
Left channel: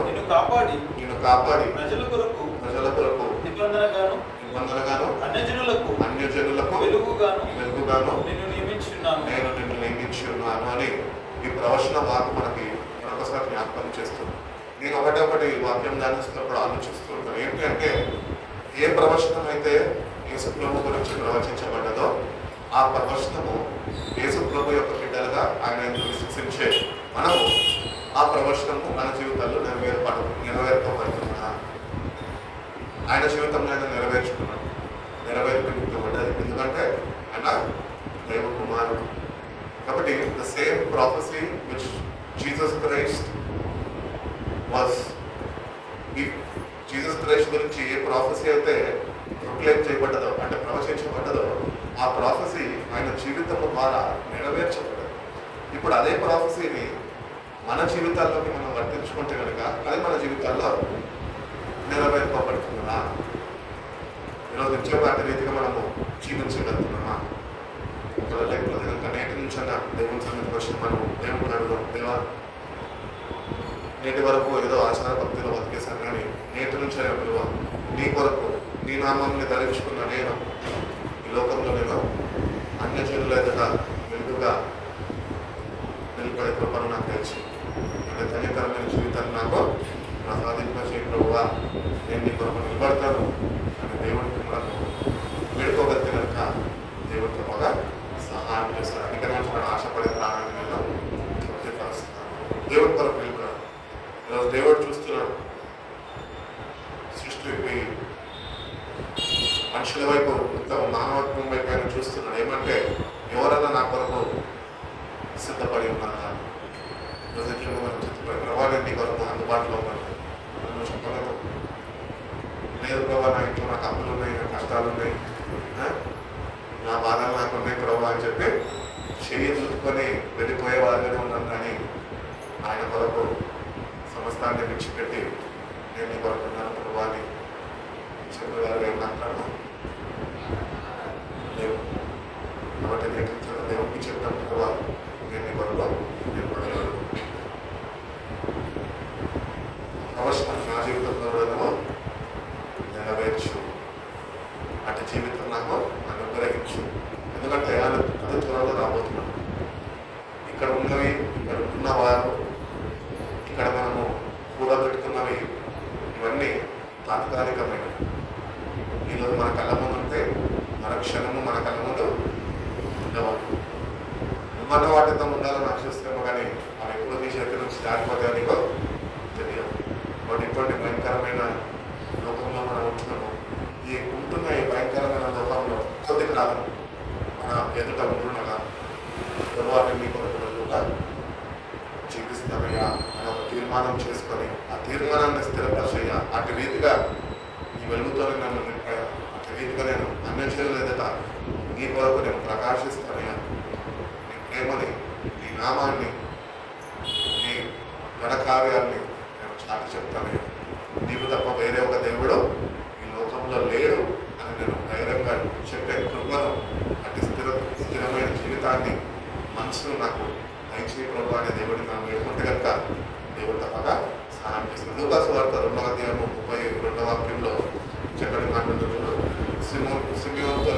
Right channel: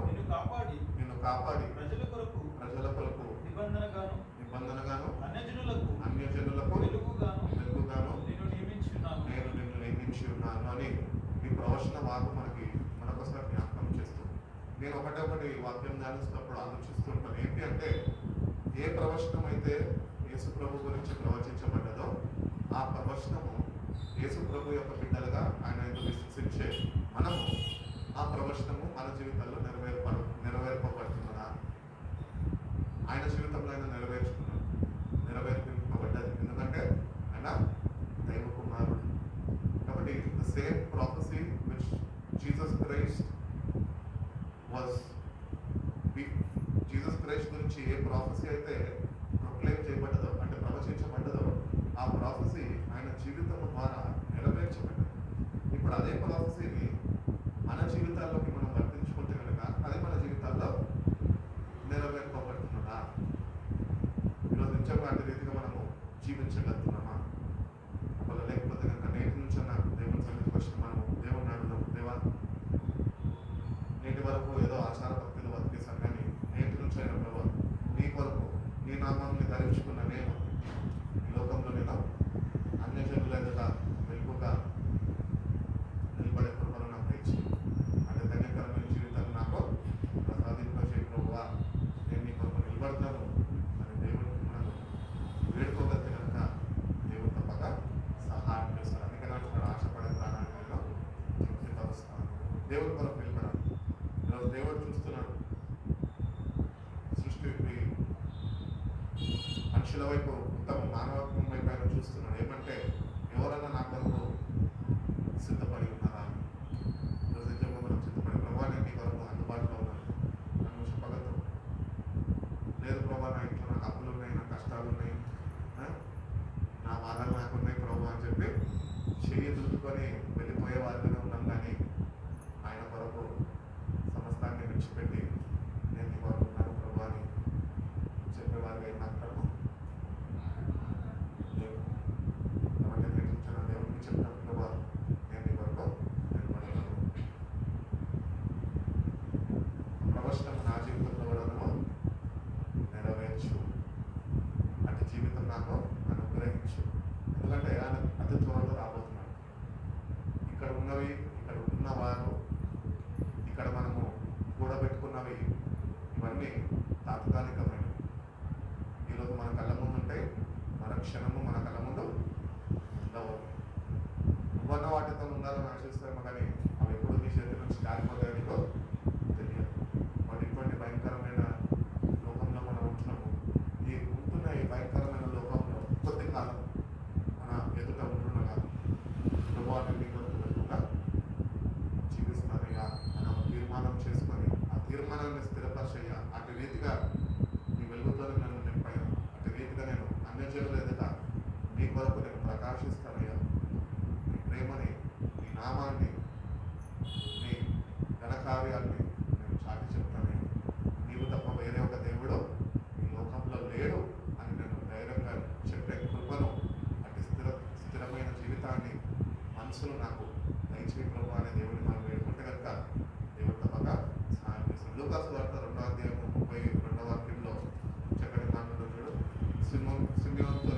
నిన్ను కాపాడి ప్రజల కొరకు నిబంధనగాను అన్యజనులకు వెలుగుగాను నేను నియమించి ఉన్నాను అని ఈ ప్రవచన వాక్కు మనకి మరొకసారి జ్ఞాపకం చేస్తుంది. నేను ఒకటి వాక్యం ధ్యానిస్తున్నప్పుడు ఆలోచిస్తూ ఉంటాను. ఏంటి అంటే, ఏ ప్రవచనం అయితే యేసు ప్రభు గురించి ప్రవచించబడ్డదో ఆ ప్రవచనము యేసు ప్రభు యొక్క బిడ్డలుగా ఆయన విశ్వసించే మనము ఆ ప్రవచనము మన జీవితాల్లో నెరవేర్పబడుతున్నా ఆయన జీవితంలో ఆయన నెరవేర్పబడ్డది. ఎందుకంటే ఆయన దైవ కుమారుడు కాబట్టి the same prophecy which Jesus Christ was, Jesus Christ గురించి ఏ ప్రాఫెసీ అయితే ప్రొక్లైమ్ చేయబడ్డదో అంటే ప్రవచించబడ్డదో ఆ ప్రాఫెసీ ఆయన జీవితం ద్వారా నెరవేర్చబడ్డది. ఇప్పుడు అదే ప్రాఫెసీని మన జీవితాల్లోకి మనం వర్తించుకుంటే కనుక అది మన జీవితాల్లో నెరవేర్పబడుతుందా? ఈరోజు ఇచ్చేవాటి రీతిగా మనము జీవించగలుగుతున్నామా? లేకపోతే కనుక నేటి నుంచి అన్న దేవుని సన్నిధికి వచ్చి మనం దేవుని అడుగుదాం. దేవా నేటి వరకు ఏదో ఆచార భక్తిలో బతికేశాను, కానీ నేటి నుంచి విలువ నీ కొరకు నీ నామాన్ని ధరించుకున్న నేను ఈ లోకంలో నేను అన్యజనుల ఎదుట వెలుగుగా నిలబడే కృపను నాకు తెచ్చి అంటే ధన్యకరమైన జీవితాన్ని నాకు ప్రసాదింపచేయ ప్రభువా, నేను నీ కొరకు నిలబడతాను అని దేవుడికి మనకు వేడుకోగలిగితే కనుక దేవుడి తప్పగా సహాయం చేస్తాడు. అందుకని ఆశపడే ప్రాణాన్ని నేను తృప్తిపరుస్తున్నాను. దేవుడి కొరకు నిలబడాడు. ఈరోజు దేవుడు చూస్తున్నాడు, సృష్టి మనుషుల వైపు మొత్తం మానవత్వం వైపు ఆయన చూస్తున్నాడు. ఏమంటే ఎవరన్నా నా కొరకు సిద్ధపడి ఉన్నారా? రోజుల్లో మనం చిత్తపడి ప్రభావం నీ కొరకు అందుబాటులో ఉన్నాను నువ్వు చెప్పగలవు. లేదు ప్రభావ, నా ఇంట్లో నాకు అప్పులు ఉన్నాయి, నా కష్టాలు ఉన్నాయి, నా బాధలు నాకు ఉన్నాయి ప్రభావ అని చెప్పి చెయ్యి దులుపుకొని వెళ్ళిపోయే వాళ్ళనే ఉన్నాను. కానీ ఆయన కొరకు సమస్తాన్ని విడిచిపెట్టి నేను నీ కొరకు ఉన్నాను ప్రభావ అని చెప్పేవారు ఏమంటాను లేవు. కాబట్టి నేను దేవుడికి చెప్పిన ప్రభావ నేను నీ కొరకు నిలబడగలను. అవసరం నా జీవితంలో నెరవేర్చు, అటు జీవితం నాకు అనుగ్రహించు. ఎందుకంటే అది త్వరలో రాబోతున్నాను. ఇక్కడ ఉన్నవి, ఇక్కడ ఉన్నవారు, ఇక్కడ మనము కూడబెట్టుకున్నవి ఇవన్నీ తాత్కాలికమైనవి. ఈరోజు మన కళ్ళ ముందు ఉంటే మన క్షణము మన కళ్ళ ముందు ఉండవాలి. మన వాటితో ఉండాలని ఆశిస్తాము, కానీ అవి ఎప్పుడు నీ చేతి నుంచి జారిపోతే నీకు తెలియదు. వాటి ఇటువంటి భయంకరమైన లోకంలో మనం ఉంటున్నాము. ఈ ఉంటున్న ఈ భయంకరమైన లోకంలో కొద్ది కాలం మన ఎదుట ఉంటున్నగా తరువాత మీ కొరకు జీవిస్తామయ్యా అని ఒక తీర్మానం చేసుకొని ఆ తీర్మానాన్ని స్థిరపరిచయ్యా. అటు రీతిగా ఈ వెలుగుతోనే నన్ను నింపాయా, అటు రీతిగా నేను అన్వేషణ ఎదుట నీ కొరకు నేను ప్రకాశిస్తానయ్యా. నీ ప్రేమని, నీ నామాన్ని, నీ ఘనకార్యాన్ని నేను చాటి చెప్తానయ్యా. నీవు తప్ప వేరే ఒక దేవుడు ఈ లోకంలో లేడు అని నేను ధైర్యంగా చెప్పే కృపను, అటు స్థిరమైన జీవితాన్ని, మనసును నాకు దయచేయ ప్రభు అనే దేవుడిని మనం వేడుకుంటే కనుక దేవుడు తప్పగా సహాయం చేస్తుంది. లూకాసు వార్త 2వ అధ్యాయము 32వ వాక్యంలో చక్కటి మాట్లాడుతున్నాడు. సిమియోనుతో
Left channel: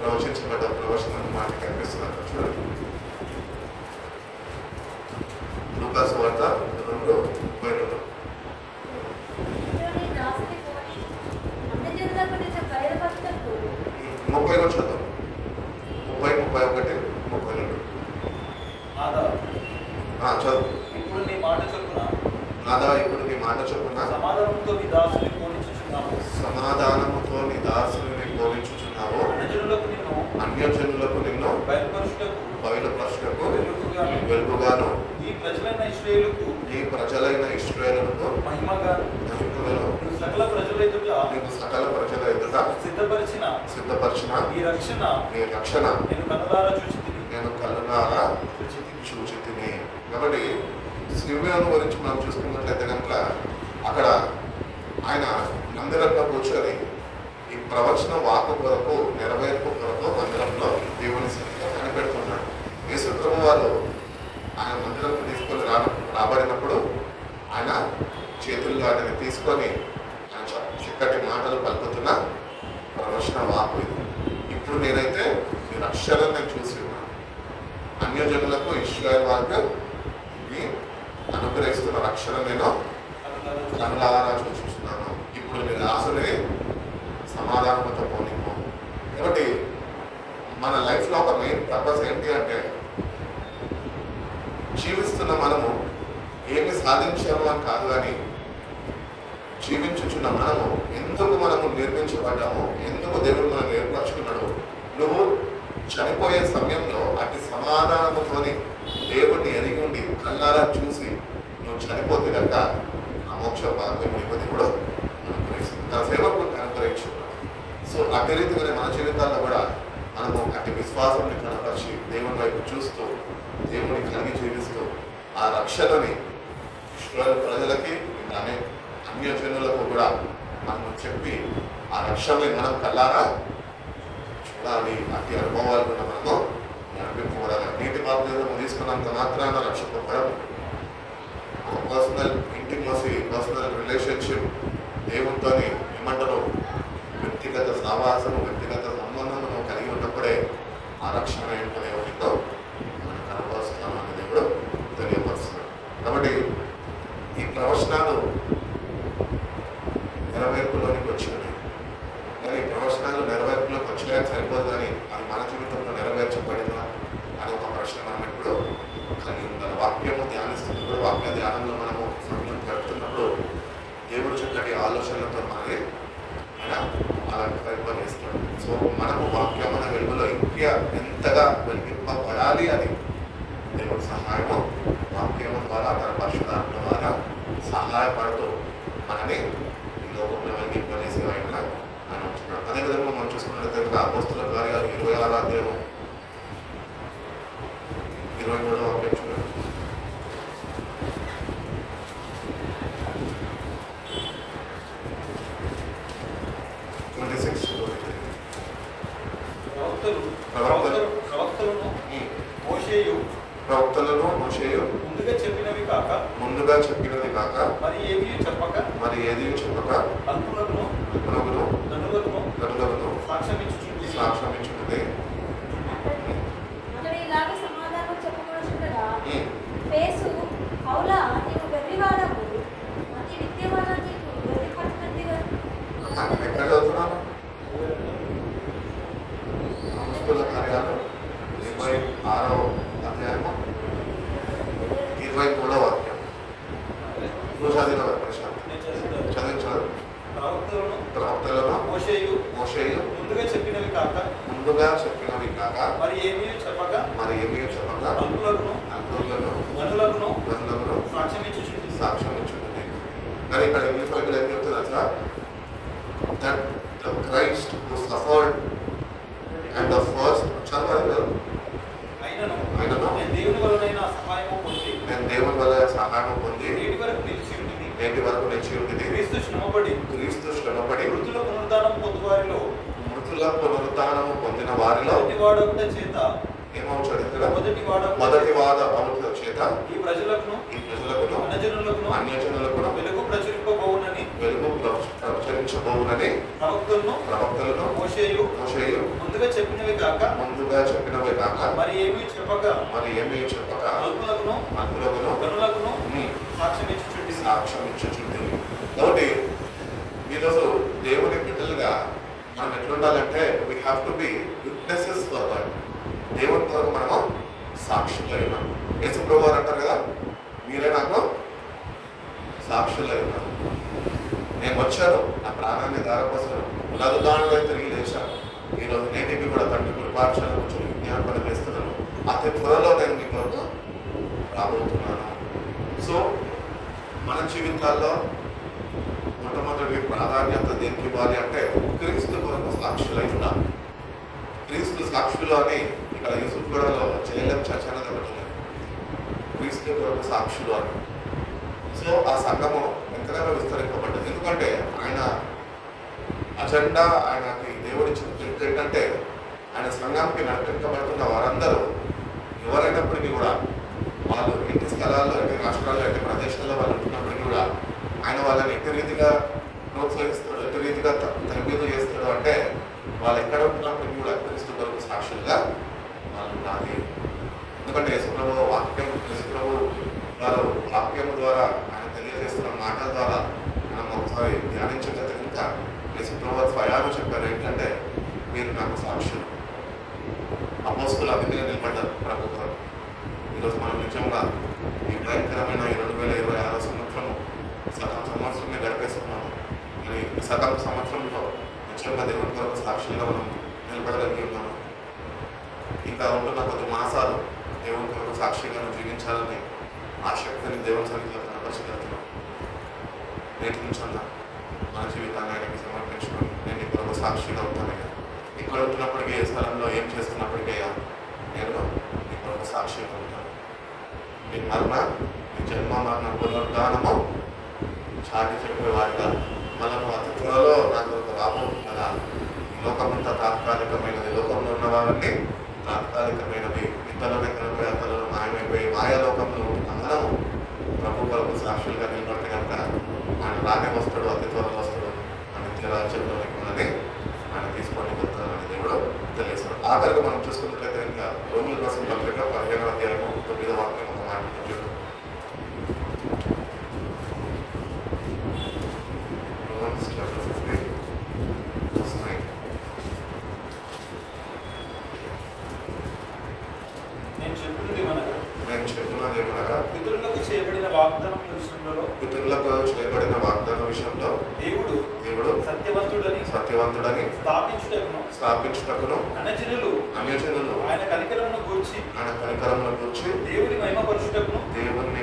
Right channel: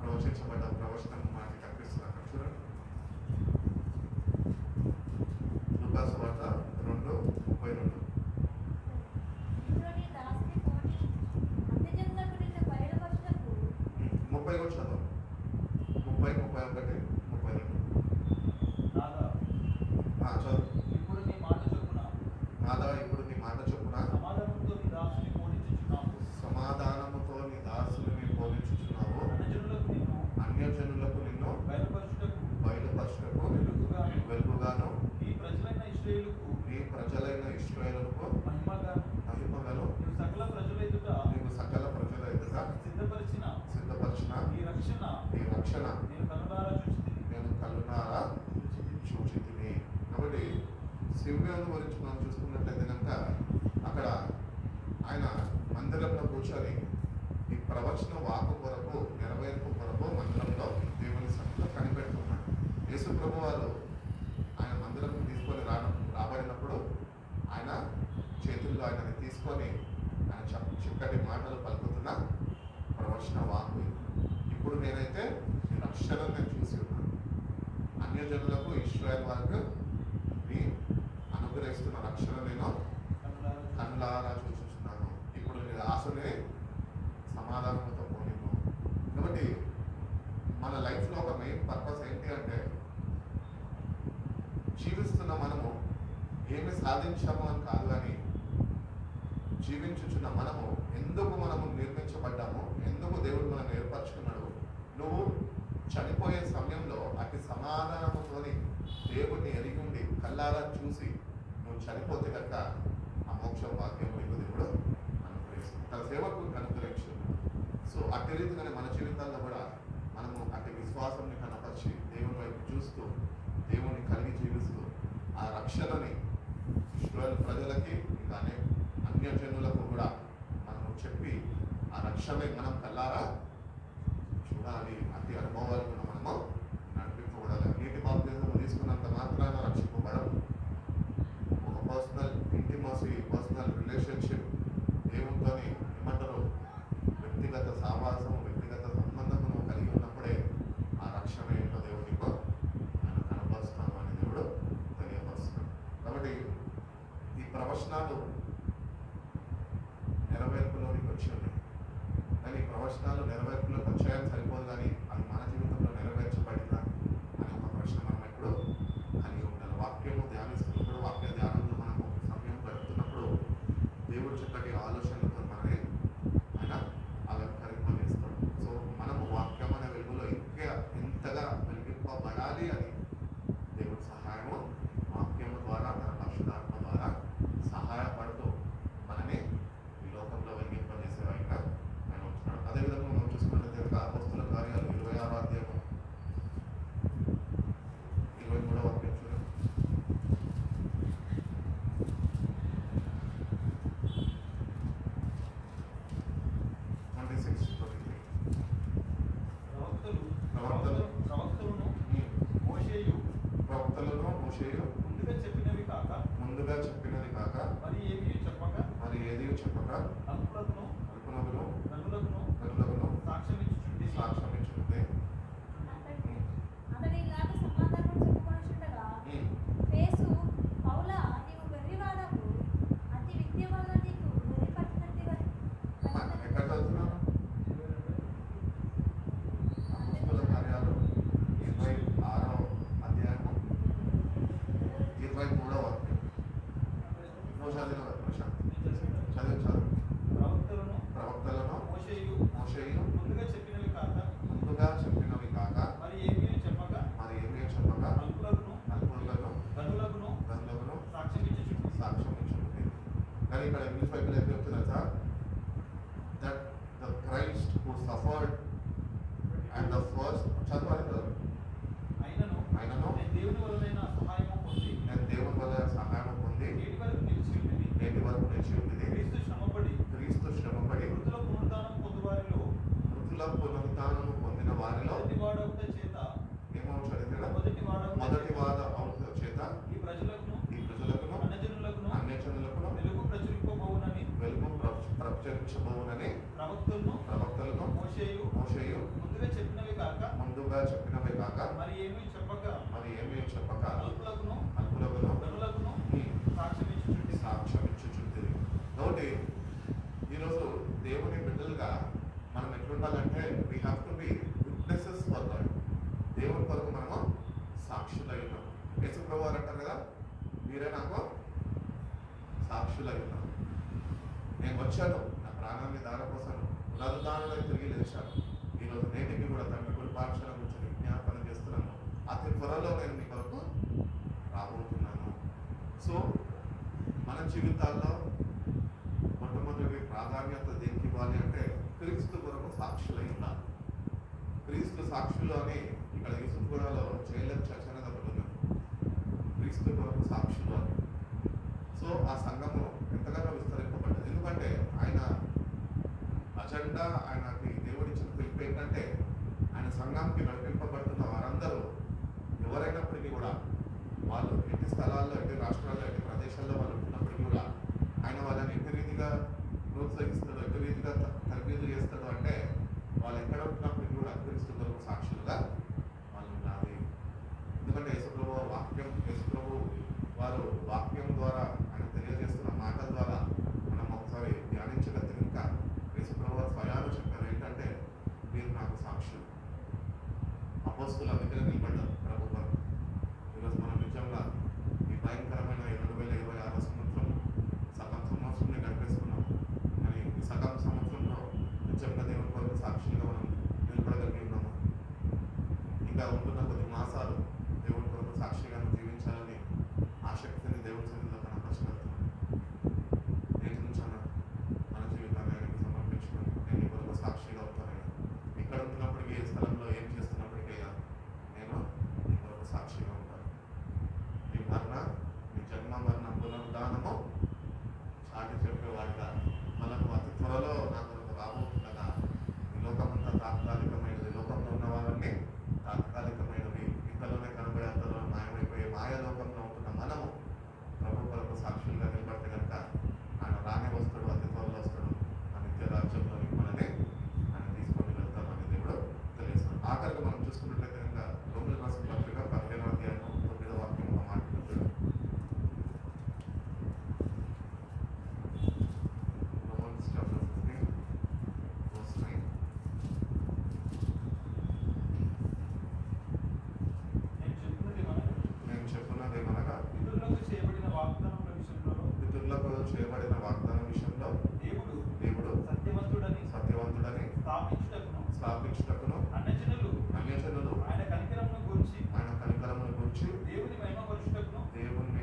ప్రవచించబడ్డ ప్రవచనం మాట కనిపిస్తుంది. చూడండి, లూకాసు వార్త 2:32. ముప్పై చదువు 30, 31, 32. చదువు. ఇప్పుడు నీ మాట చొప్పున నాదా ఇప్పుడు నీ మాట చొప్పున సమాధానంతో నీ దాసుని పోనిచుచున్నావు. సమాధానముతో నీ దాసుని పోనిచుచున్నావు. అన్యజనులకు నిన్ను బయలుపరచుటకు వెలుగుగాను ఈ ప్రజలైన ఇశ్రాయేలులకు మహిమగాను నీవు సకల ప్రజల ఎదుట సిద్ధపరిచిన నీ రక్షణ నేను కళ్ళారా చూచి తిని. కాబట్టి సిమియోను గురించి మనం చూసుకున్నట్లయితే కనుక అక్కడ ఆయన మందిరంలో కూర్చొని ఈ ప్రవచన వాకు కొరకు నెరవేర్పు కొరకు మందిరంలో దేవుని సన్నిధిలో కనిపెడుతున్నాడు. యేసుప్రభు వారు ఆయన మందిరంలో తీసుకొని రాబడినప్పుడు ఆయన చేతుల్లో ఆయన తీసుకొని ఆయన చక్కటి మాటలు పలుకుతున్న ప్రవచన వాకు ఇది. ఇప్పుడు నేనైతే ఈ రక్షణను నేను చూసి ఉన్నాను. అన్యజనులకు ఇశ్రాయేలు వారికి అనుగ్రహిస్తున్న రక్షణ నేను కళ్ళారా చూస్తున్నాను. ఇప్పుడు నేను ఆశని సమాధానంతో పోనిపో. కాబట్టి మన లైఫ్లో ఒక మెయిన్ పర్పస్ ఏంటి అంటే, జీవిస్తున్న మనము ఏమి సాధించాము అని కాదు, కానీ జీవించుచున్న మనము ఎందుకు మనము నిర్మించబడ్డాము, ఎందుకు దేవుడు మనం ఏర్పరచుకున్నాడు. నువ్వు చనిపోయే సమయంలో అతి సమాధానముతోని దేవుడిని ఎరిగి ఉండి కళ్ళారా చూసి నువ్వు చనిపోతే కనుక ఆ మోక్ష భాగ్యం ఇవ్వది కూడా అనుగ్రహిస్తుంది, తన సేవకుని అనుగ్రహించుకున్నాడు. సో అదే రీతిగానే మన జీవితాల్లో కూడా మనము అతి విశ్వాసాన్ని కనపరిచి దేవుని వైపు చూస్తూ దేవుని కలిగి జీవిస్తూ ఆ రక్షణని ఇశ్రాయేలు ప్రజలకి అలానే అన్యజనులకు కూడా మనం చెప్పి ఆ రక్షణని మనం కళ్ళారా చూడాలి. అతి అనుభవాలు కూడా మనము నడిపింపబడాలి. నీటి బాప్తిజం తీసుకున్నంత మాత్రాన రక్షింపబడం. పర్సనల్ ఇంటిమసీ, పర్సనల్ రిలేషన్షిప్ దేవునితో ఏమంటారు వ్యక్తిగత సహవాసము, వ్యక్తిగత సంబంధము కలిగి ఉన్నప్పుడే ఆ రక్షణ ఏంటో దేవునితో మనం కనపరుస్తున్నాం అని దేవుడు తెలియపరుస్తున్నాడు. కాబట్టి ఈ ప్రవచనాలు నెరవేర్పులోనికి వచ్చినాయి. కానీ ఈ ప్రవచనాలు నెరవేర్పులోకి వచ్చాయని సరిపోదు, కానీ అది మన జీవితంలో నెరవేర్చబడిందా అని ఒక ప్రశ్న మనం ఎప్పుడు కలిగి ఉండాలి. వాక్యము ధ్యానిస్తున్నప్పుడు, వాక్య ధ్యానంలో మనము సమయం గడుపుతున్నప్పుడు దేవుడు చక్కటి ఆలోచనలతో మనల్ని ఆయన అలా పరిపాలిస్తాడు. సో మనము వాక్యమైన వెలుగులో ఇంకా ఎంతగా వెలిగింపబడాలి అని దేవుడి సహాయము వాక్యము ద్వారా, తన పరిశుద్ధాత్మ ద్వారా సహాయపడుతూ మనని ఈ లోకంలో వెలిగింపజేసే ఆయన ఆయన ఉంటున్నాడు. అదేవిధంగా మనం చూసుకున్నట్లయితే అపోస్తుల కార్యాలు 26వ అధ్యాయం 23వ వాక్యం చూడండి. ప్రవక్తలను మోషేయు ముందుగా చెప్పినది కాక మరి ఏది చెప్పక అల్పులకును గనులను సాక్ష్యమిచ్చున్నది. అతడు ఇలాగ సమాధానం చెప్పవలసిందరా, ఫేసు అవులా నీవు వెర్రివాడవు, అతి విద్యవాడ నీకు వెర్రి పట్టుకుందిగా. ఎక్కడ చదువుతున్నాను? అపోస్తుల కార్యాలు 26వ అధ్యాయము 23వ వాక్యం. నువ్వు చదివిన ప్రశాంత్ చదివించారు. ప్రవక్తలను మోషేయు ముందుగా చెప్పినవి కాక మరి ఏమీ చెప్పక అల్పులను సాక్ష్యమిచ్చున్నది. కానీ ఇక్కడ ఇంగ్లీష్ బైబిల్ ఏం చెప్తుంది అసలు? that the Christ who suffered and the first చదవాలి అయినను నేను దేవుని వల్ల సహాయము పొంది నేటి వరకు నిలిచి ఉంటుంది. క్రీస్తు శ్రమపడి మృతుల పునరుద్ధానము పొందిన వారిలో ఏమవుతాడు ఇక్కడ? మొదటి వాద అవుతుల చేత ఈ ప్రజలకు అన్యజనులకు వెలుగు ప్రచురించబోవునని ప్రవక్తలను మోషేయు ముందుగా చెప్పినవి కాక మరి ఏమీ చెప్పక అల్పులకును గనులకును సాక్ష్యమిచ్చుచుండి. కాబట్టి ఈరోజు దేవుని బిడ్డలుగా మనం ఎట్లుండాలంటే we have to be witnesses for God. దేవుని కొరకు మనము సాక్షులై ఉన్నాం. యేసు ప్రభువు వారు అంటారు కదా, మీరే నాకు సాక్షులై ఉన్నారు. నేను వచ్చాను, నా ప్రాణాన్ని ధారపోసాను, నదుదానులై తిరిగి లేచాను. ఈరోజు నేటికి కూడా తండ్రి కృపార్చన కొంచెం విజ్ఞాపన చేస్తున్నాను. అతి త్వరలో నేను మీ కొరకు రాబోతున్నాను. సో మన జీవితాల్లో మొట్టమొదటి ప్రాధాన్యత దేనికి ఇవ్వాలి అంటే క్రీస్తు కొరకు సాక్షులై ఉండాలి. క్రీస్తు సాక్షులు అని ఇక్కడ యూసుఫ్ గూడలో చేయలేం చర్చ అనేది ఒకటి ఉంది. క్రీస్తు కొరకు సాక్షులు అని. సో ఆ సంఘము ఎంతగానో విస్తరింపబడ్డది. ఎందుకంటే ఆయన అజెండా, ఆయనకి దేవుడిచ్చిన పిలుపు ఏంటంటే ఆయన సంఘానికి నడిపించబడుతున్న వారందరూ ఎవరైనప్పటికీ కూడా వాళ్ళు ఇంటి స్థలాల్లో, ఇంటి రాష్ట్రాల్లో, ఇంటి ప్రదేశాల్లో వాళ్ళు ఉంటున్నప్పటికీ కూడా ఆయన వాళ్ళని ఎట్టి రీతిగా ప్రోత్సహిస్తాడు, ఎట్టి రీతిగా తరబీదు చేస్తాడు అంటే వాళ్ళు ఎక్కడ ఉంటున్నప్పటికీ కూడా క్రీస్తు కొరకు సాక్షులుగా వాళ్ళు ఉండాలి. ఎందుకంటే యేసుప్రభు వారు వాక్యం ద్వారా ఆయన తెలియజేస్తున్న మాటల ద్వారా మనం ఒకసారి ధ్యానించగలిగితే ఇంకా యేసుప్రభు స్వయాలు చెప్పారు ఏంటంటే మీరు నాకు సాక్షులు. అపోస్తులు అభివృద్ధి నిలబడ్డారు ప్రభు కొరకు. ఈరోజు మనం నిజంగా ఈ భయంకరమైన 2026 సంవత్సరం సగం సంవత్సరమే గడిపేస్తున్నాము. మరి సగం సంవత్సరంలో నిజంగా దేవుని కొరకు సాక్షులుగా మనం నిలబడగలిగి ఉన్నాము. ఇంకా ఉంటున్న కొద్ది మాసాలు దేవుని కొరకు సాక్షిగా జీవించాలని ఆసక్తిని దేవుని సన్నిధిలో కనపరచగలుగుతున్నాం. నేటి నుంచి మన జీవితాన్ని ఆయనకి సమర్పించుకొని నేను నీ కొరకు సాక్షిగా ఉంటానయ్యా. ఇక్కడ ఉంటున్నప్పటికీ ఏ స్థలంలో ఏం చేస్తున్నప్పటికయ్యా నేను నీ కొరకు సాక్షిగా ఉంటాను. నీ మరణ, నీ జన్మ మరణ పునరుద్ధానము చాటి చెప్పేవారిగా మనము అతి త్వరలో నాకు రాబోతున్నదా. ఈ లోకమంతా తాత్కాలికమైనది, లోకంలో ఉన్న వారిని తాత్కాలికమైనవి, ఇతరుల కనిపోయి అతలను మాయమైపోయి మాయాలోకంలో ఉన్న మనము ప్రభు కొరకు సాక్షి సాక్షులుగా నిలబడితే కనుక ఆయన రానే వస్తాడు, అతి త్వరలో వస్తాడు, మన నిత్య రాజ్యంలోనికి మనని ఆయన తీసుకొని వెళ్తానని దేవుడు తెలియజేస్తాడు. ఆఖరిగా మనం చూసుకున్నట్లయితే ఇంకా రోమిల రాసిన పత్రిక 15వ అధ్యాయము 9వ వాక్యం ఒక మాట చూడండి. Romans chapter 15, verse 9. నేను చెప్పినది ఏమనగా, నేను చెప్తున్నది ఏమనగా, పితరులకు చేయబడిన వాగ్దానం విషయంలో పితరులకు చేయబడిన వాగ్దానం విషయంలో దేవుడు సత్యవంతుడని స్థాపించుటకును అన్యజనులు ఆయన కనికరమును గూర్చి దేవుని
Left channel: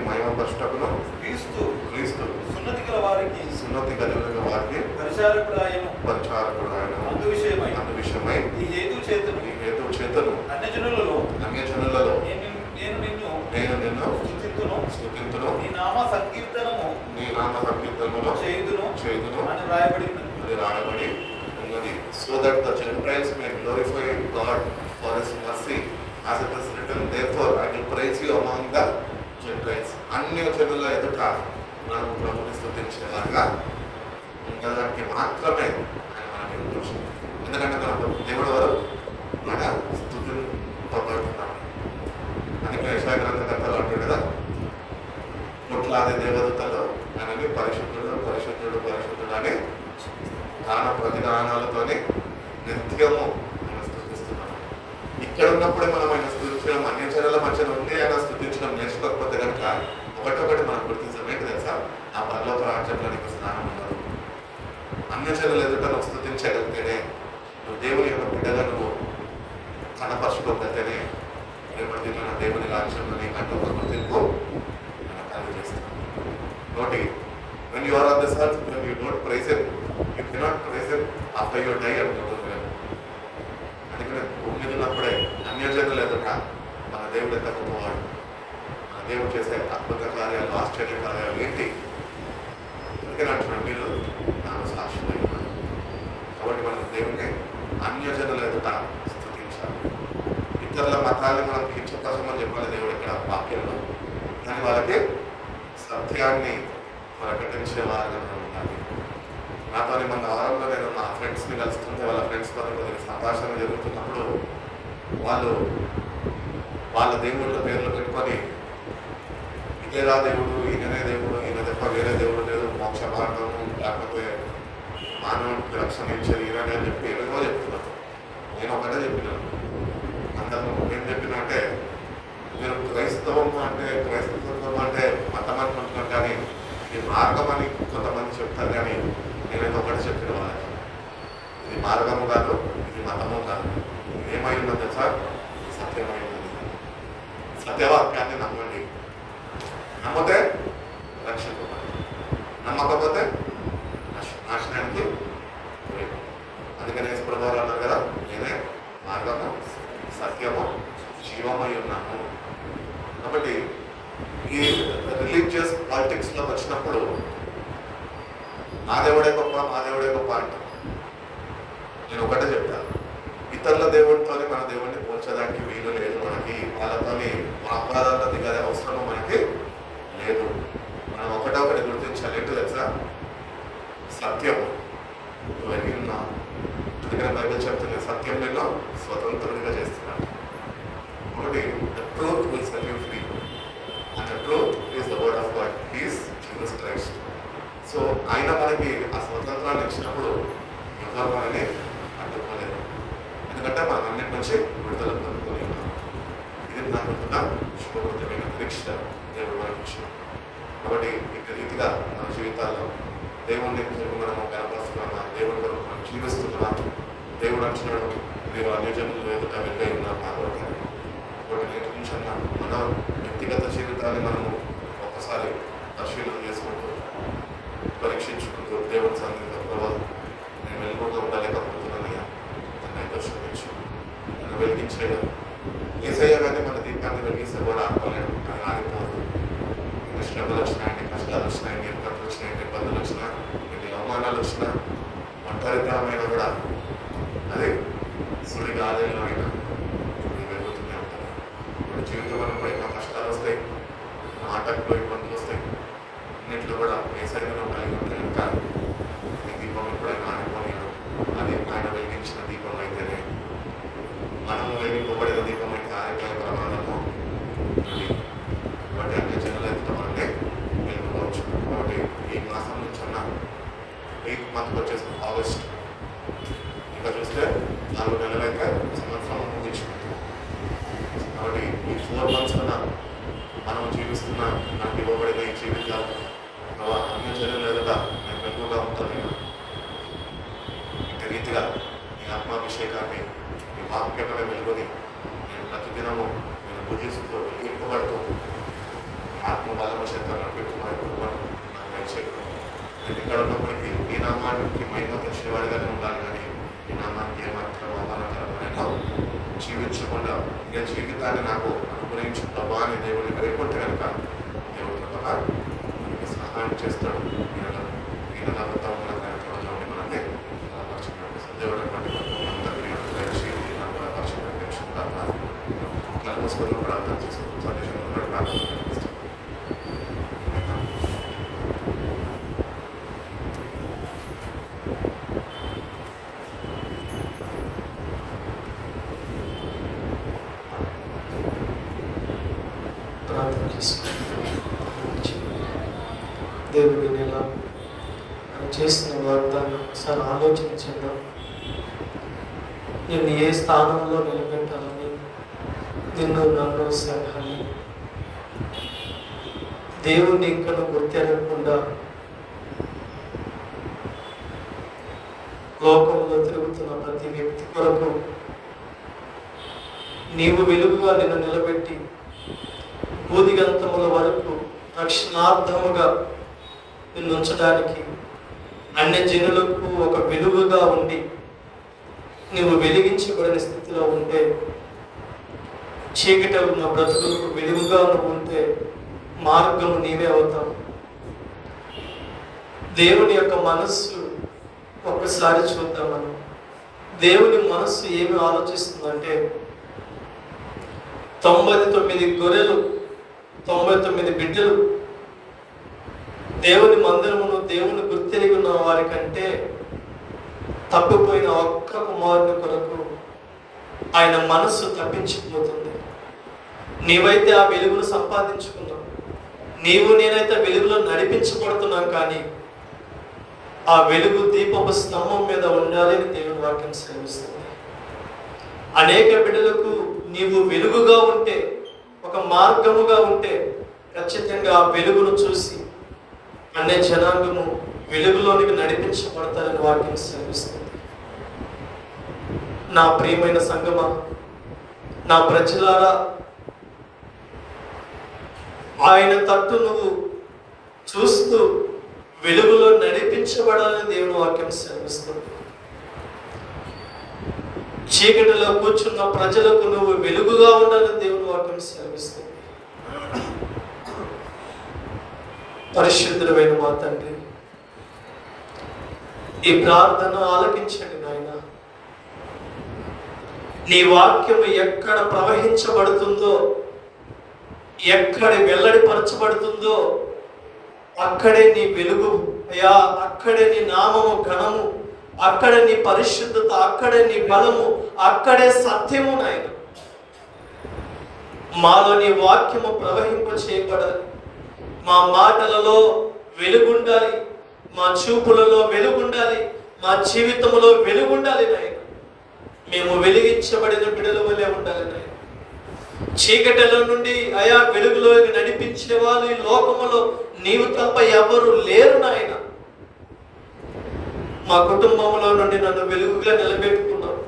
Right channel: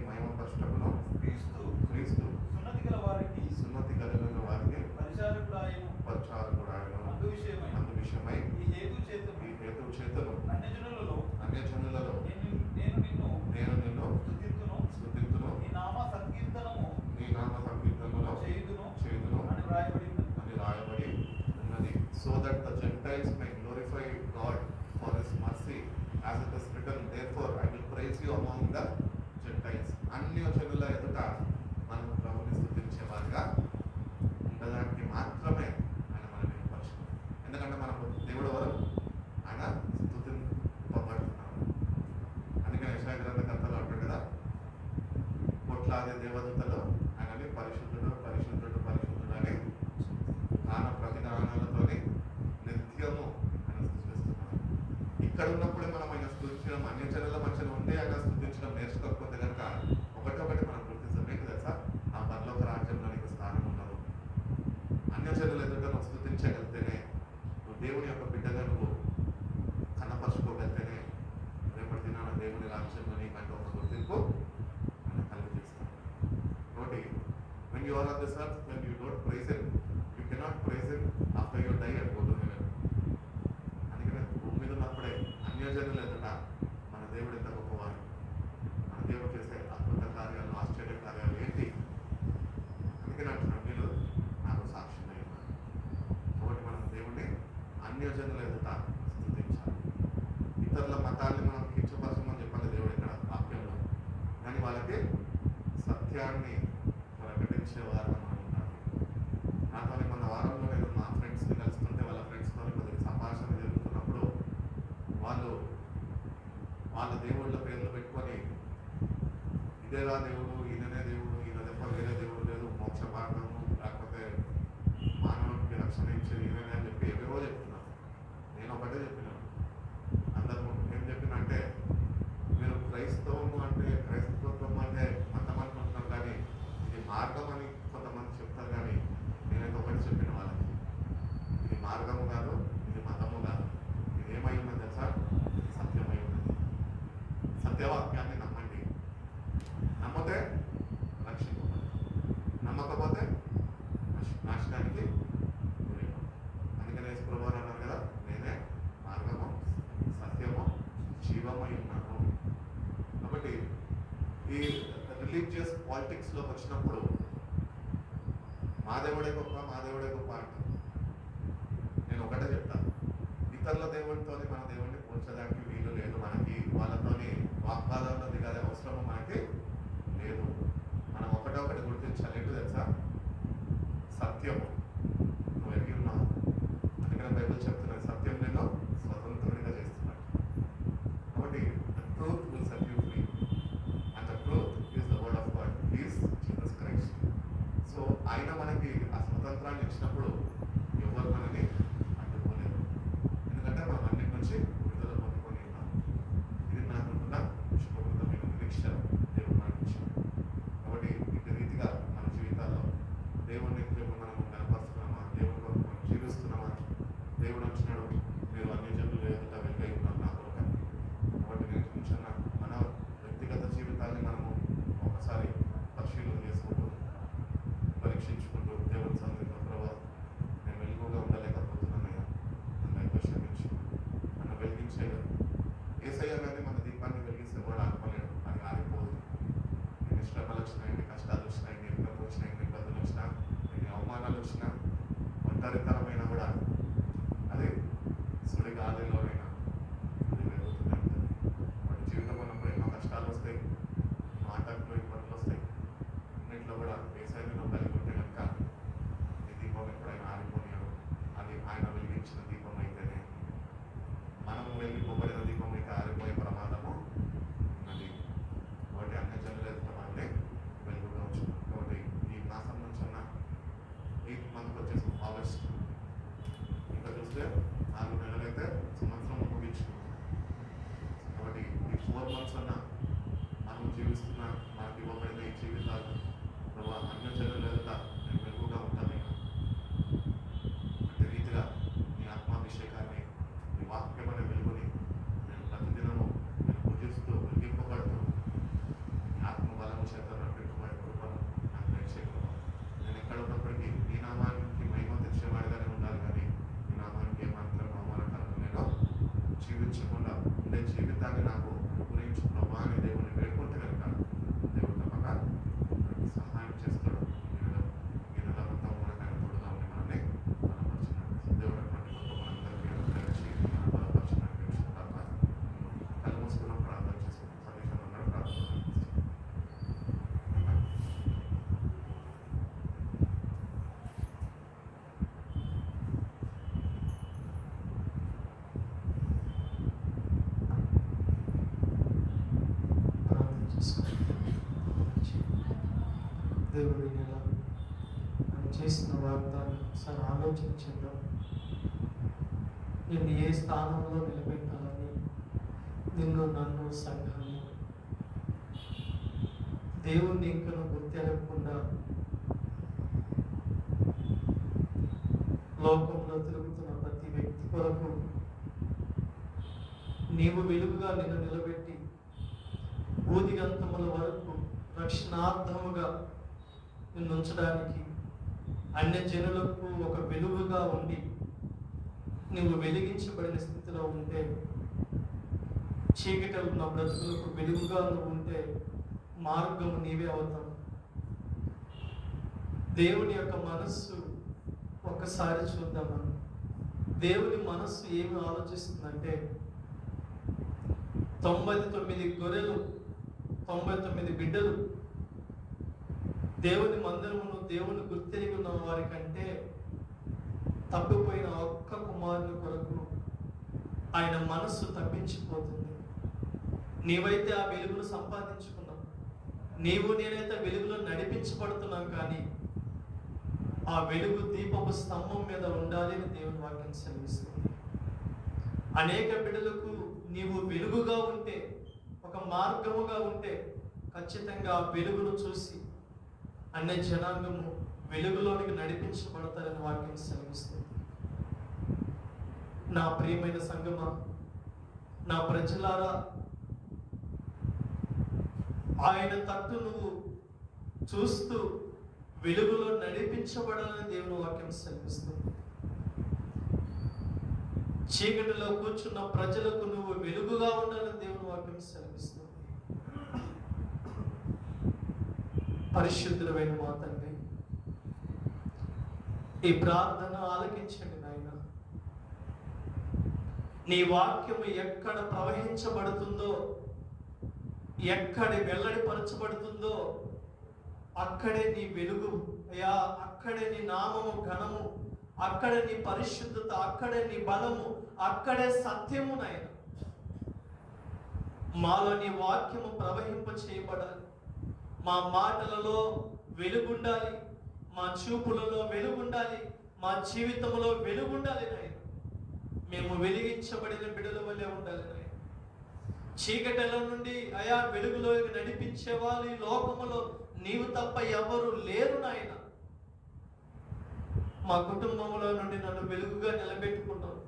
మహిమపరచుటకును క్రీస్తు సున్నతి కలిగిన వారికి పరిచారకుడు ఆయన అందు విషయమై ఈ హేతు చేతను అన్యజనులలో నేను నిన్ను స్తుతింతును నీ నామ సంకీర్తనము చేయుదును అని రాయబడి ఉన్నది. So that the Gentiles may glorify God for His mercy, as it is written, therefore I will praise you among the Gentiles. అన్ని జనుల ఎదుట మనం ప్రభుని స్తుతించేలాగా ఉండడానికి మాత్రమే ఆయన మనకి ఉద్దేశం. ఎందుకంటే మన దేవుడు వారు మన స్తుతింపబడుతున్నాం. అందుకే యెషయా గ్రంథకర్తలు అంటాడు కదా, కోట్లాది దేవదూతలు ఆయనని పరిశుద్ధుడు పరిశుద్ధుడు పరిశుద్ధుడు అని గాన ప్రతిగానాలతోనే నిత్యము ఆయన స్తుతిస్తున్నాం. ఇక్కడ ఉన్నప్పుడే మనం ఆయన స్తుతించడం, అన్య జనుల మధ్య నుండి ఆయన స్తుతించడం నేర్చుకోకపోతే కనుక ఒకటొకటి మనం గుర్తించాం. ఏంటి తెలుసా? ఆ పరలోక రాజ్యంలో నీకు స్నానం ఉండదు. అన్య జనుల ఎదుట నువ్వు స్తుతించగలిగితేనే, నువ్వు దేవుని యొక్క బిడ్డగా నువ్వు కనపరుచుకోగలిగితేనే రేపటిన దేవుని రాజ్యంలో నీకంటూ ఒక గుర్తింపు ఆయన కలిగజేస్తాడు. నోటి when you are on this earth, when you don't praise Him, you cannot praise Him after you die and go to heaven. అందుకనే భూమి మీద ఉన్నప్పుడే అన్యజనులు ఎదుట మన దేవుడు ఎంత గొప్పవాడు, మన దేవుడు చేసే అద్భుత కార్యాలు, ఆశ్చర్య కార్యాలు ఏంటి, అందుకని అంటున్నాడు మీరు నాకు సాక్షులై ఉన్నారు. కాబట్టి మనం దేవుని అన్యజనుల ఎదుట స్తుతించాలి. ఇతరుల మతాన్ని మనం కించపరచమని చెప్పాలి దేవుడు ఇక్కడ వాక్యంలో, కానీ వాళ్ళకి సత్యాన్ని ప్రకటించే వారిగా మనం ఉండాలి. నాతో మన వారంలో నేను నా ఫ్రెండ్స్ని కలుస్తుంటే వాళ్ళ ఫ్రెండ్స్తో కొద్దిగా సంభాషణ జరుగుతున్నప్పుడు వాళ్ళు వాళ్ళ దేవుళ్ళ పేర్లు పెట్టుకొని ఇదేరా దేవుడు, ఈయననే దేవుడు, ఈయన తప్ప వేరే దేవుడు లేదు, మోక్ష మార్గము లేకపోతే మానవునికి రక్షణ ఇచ్చేది ఈయననే అని చెప్పి ఏమేమో చెప్తున్నారు. నేను ఒకటే చెప్పినాను, అందరూ ఏం చెప్పిన అంటే, మీరు క్రైస్తవం అంటే మతం అనుకుంటున్నారు, కానీ ఇది మార్గం అని కొంతమంది చెప్తారు. కానీ నేనైతే ఒకటి చెప్పిన వాళ్ళకి, ఇది మార్గము కాదు, ఇది మతము కాదు, ఇది ఏమై ఉన్నది తెలుసా? సత్యమై ఉన్నది. సత్యవాక్యాన్ని నమ్మండి. నమ్మితే రక్షింపబడి, నమ్మకపోతే నాశనానికి. అందుకనే యేసుప్రభువు అన్నారు కదా, నేనే మార్గము సత్యము జీవమై ఉన్నాను. కాబట్టి ఈ రిలీజియస్ పాలిటిక్స్లో వచ్చినప్పుడు నా దేవుడే గొప్ప, మా దేవుడే గొప్ప అంటాం. నేను ఒకటే చెప్తాను, ఇతరుల దేవుడితో మన దేవుడిని పోల్చడానికి వీలు లేదు. మనకి వాళ్ళతో మన అపరాధాల్లో దిగే అవసరం మనకి లేదు. మనం ఒకటి గుర్తించాలి. ఏంటో తెలుసా? సత్యము విన్నా. అందుకని బైబిల్ చెప్తుంది, సత్యం నిన్ను స్వతంత్రుడిగా చేస్తున్నాడు. ఒకటి, the truth will set you free. And the truth is the word of God. He is Jesus Christ. So ఆయన మనకి ఆ స్వతంత్రాన్ని ఇచ్చినప్పుడు ఎవరు మనల్ని అడ్డుకోలేదు. ఎందుకంటే మనం అన్నిటి నుంచి విడుదల పొందుకొని ఉన్నాం. ఇది నాకు శుభకృతమైన పరీక్ష దేవుడు మనకి ఇచ్చాడు. కాబట్టి ఇక రీతిగా మన జీవితాల్లో దేవుడిని మనము కనపరుస్తున్నామా, దేవుడి కొరకు మనం జీవిస్తున్నామా. దేవుడు అంటున్నాడు, మీరు అన్యజనులు ఎదుట వెళ్ళి ఉన్నారు నా కొరకు. ఒకటి నేర్చుకుంటున్నా, మన వ్యక్తిగత జీవితాన్ని మనము ఒక్కసారి పరిశీలన చేసుకుంటూ పరీక్షించుకుంటూ దేవుని సన్నిధిలో, ప్రభావం నేను వెలుగుగా ఉండలేకపోతున్నానయ్యా, నన్ను దర్శించు, నన్ను వెలిగించేయడం. ఏసయ్య కానీ మన దీపాన్ని వెలిగిస్తే కూడా ఆడుకోలేడు, అది ఆడిపోదు. ఎన్ని శ్రమలు వచ్చినా, ఎన్ని కష్టాలు వచ్చినా, ఎన్ని ఇబ్బందులు వచ్చినా, ఎన్ని ఇబ్బందులు వచ్చినా, ఎన్ని అవమానాలు వచ్చినా, ఒంటరితనమైన కూడా అది సుడి గాలిలో అయినా వెలుగుతూనే ఉంటుంది. ఇప్పుడు జీవితంలో ఎన్నో కష్టాలు వస్తాయి, ఆటంకులు ఇబ్బందులు వస్తాయి, అన్నింటిలో కూడా ఏసైనా కలిగి ఉంటే కనుక ఈ దీపం ఎప్పుడైనా ఆగిపోయాడు. అది ఆయన వెలిగించిన దీపం అయితేనే, మనము వెలిగింపబడిన దీపం అయితే ఆగిపోయే ప్రమాదము ఉంది. కాబట్టి అన్ని జనులు ఎత్తుతామంటే వెలుగుకోవచ్చు. కాబట్టి ఈ మాసం నుంచి ఉన్న 8th మంత్కి వచ్చేసి ఆగస్ట్, ఇంకా చూస్తే 4 నెలలైతే సంవత్సరం ముగించుకుంటాం. కాబట్టి ఈ 4 months కన్నా మనం జీవిస్తున్న నాకు ఇవ్వబడిన ఈ జీవితాలు అన్ని జనులు ఎదుట నేను వెలుగుగా ఉంటాను. ఇంటి రీతిగా ఈ ఆత్మాభిషేకాన్ని, ఈ వాక్యమైన వెలుగుని నేను ప్రతిదినము నేను పూజిస్తూ వెలిగింపబడుతూ ఆత్మ బలము చేత పెట్టుకోవడం నాకు దయచేయడం. నేను ఇక్కడ ఉన్నప్పటికీ ఈ నామానికి మహిమ తెచ్చేవాడిగానే ఉండాలి, కానీ ఈ నామానికి ఏమాత్రం అవమానకరమైన జీవించకుండా నేను జీవితాన్ని నాకు అనుగ్రహించిన ప్రభా అని దేవుడిని వేడుకుంటే కనుక దేవుడి ద్వారా మనకి సహాయం చేస్తాడు. ఈయన మన కార్యక్రమంలో మనకి బలపరచుకున్నాడు. దేవుడు కలుమూసుకొని ప్రార్థన చేసుకుంటాం. సందేశంలో ప్రార్థన చేస్తాం. ప్రార్థన చేసుకుంటాం. దేవుడి నెల ఆయన చేసిన వాగ్దానం ఒకసారి ఆలోచించండి. నిన్ను ఏ స్థానంలో నిలబెట్టాలని, నిన్ను నన్ను సంఘాన్ని దేవుణ్ణి ఇంకా గుర్తెరగకుండా లోకంలో తిరుగుతున్న ప్రతి వ్యక్తి కొరకు నీవు వెలుగుగా నిన్ను నిలబెట్టి భూదిగంతముల వరకు రక్షణార్థముగా నిన్ను ఉంచడానికి, అన్ని జనులకు ఒక వెలుగుగా ఉండి నువ్వు వెలిగించబడిన స్థితిలో ఉంటే, చీకటి ఉన్న బ్రతుకులకు వెలుగుగా నువ్వు ఉంటే మార్గము నీవే అవుతావు. దేవుని యొక్క మనస్సు ఒక్కసారి చూద్దాం. మనం దేవుని మనస్సు ఏమి ఆలోచిస్తుందంటే, 99 గొర్రెలు 99 బిడ్డలు దేవుని మందిరమును దేవుని గుర్తెరిగి ఉన్న వారి కంటే తప్పిపోయిన ఒక్క కుమారుని కొరకు ఆయన మనస్సు తప్పించిపోతుంది. నీవైతే ఆ వెలుగును సంపాదించుకున్నావు, నీవు నేనైతే వెలుగులో నడిపించబడుతున్నాం, కానీ ఆ వెలుగు దీపపు స్తంభం మీద ఉండాలి అని దేవుని వాక్యం సెలవిస్తుంది. అనేక బిడ్డలకు నీవు వెలుగుగా ఉంటే, ఒక మార్గముగా ఉంటే, ఖచ్చితంగా ఆ వెలుగును చూసి అనే జనాంగము వెలుగులోనికి నడిపించబడతారని వాక్యం సెలవిస్తుంది. నా ప్రియమైన సంగమా, నా ప్రజలారా, ఆయన తట్టు నువ్వు చూస్తూ వెలుగులో నడిపించబడాలని దేవుని వాక్యం సెలవిస్తుంది. చీకటిలో కూర్చున్న ప్రజలకు నువ్వు వెలుగుగా ఉండాలని దేవుని వాక్యం సెలవిస్తుంది. పరిశుద్ధుడైన మా తండ్రి, ఈ ప్రార్థన ఆలకించండి నాయన. నీ వాక్యము ఎక్కడ ప్రవహించబడుతుందో, ఎక్కడ వెల్లడిపరచబడుతుందో అక్కడే నీ వెలుగు అయ్యా, అక్కడే నీ నామము ఘనము, అక్కడే నీ పరిశుద్ధత, అక్కడే నీ బలము, అక్కడే సత్యము నాయన. మాలో నీ వాక్యము ప్రవహింప చేయబడాలి. మా మాటలలో వెలుగుండాలి, మా చూపులలో వెలుగుండాలి, మా జీవితంలో వెలుగుండాలి నాయన. మేము వెలిగించబడిన బిడ్డల వలె ఉండాలి నాయన. చీకటిలో నుండి అయా వెలుగులోకి నడిపించే వాళ్ళు ఈ లోకములో నీవు తప్ప ఎవరు లేరు నాయన. మా కుటుంబంలో నుండి నన్ను వెలుగుగా నిలబెట్టుకున్నావు.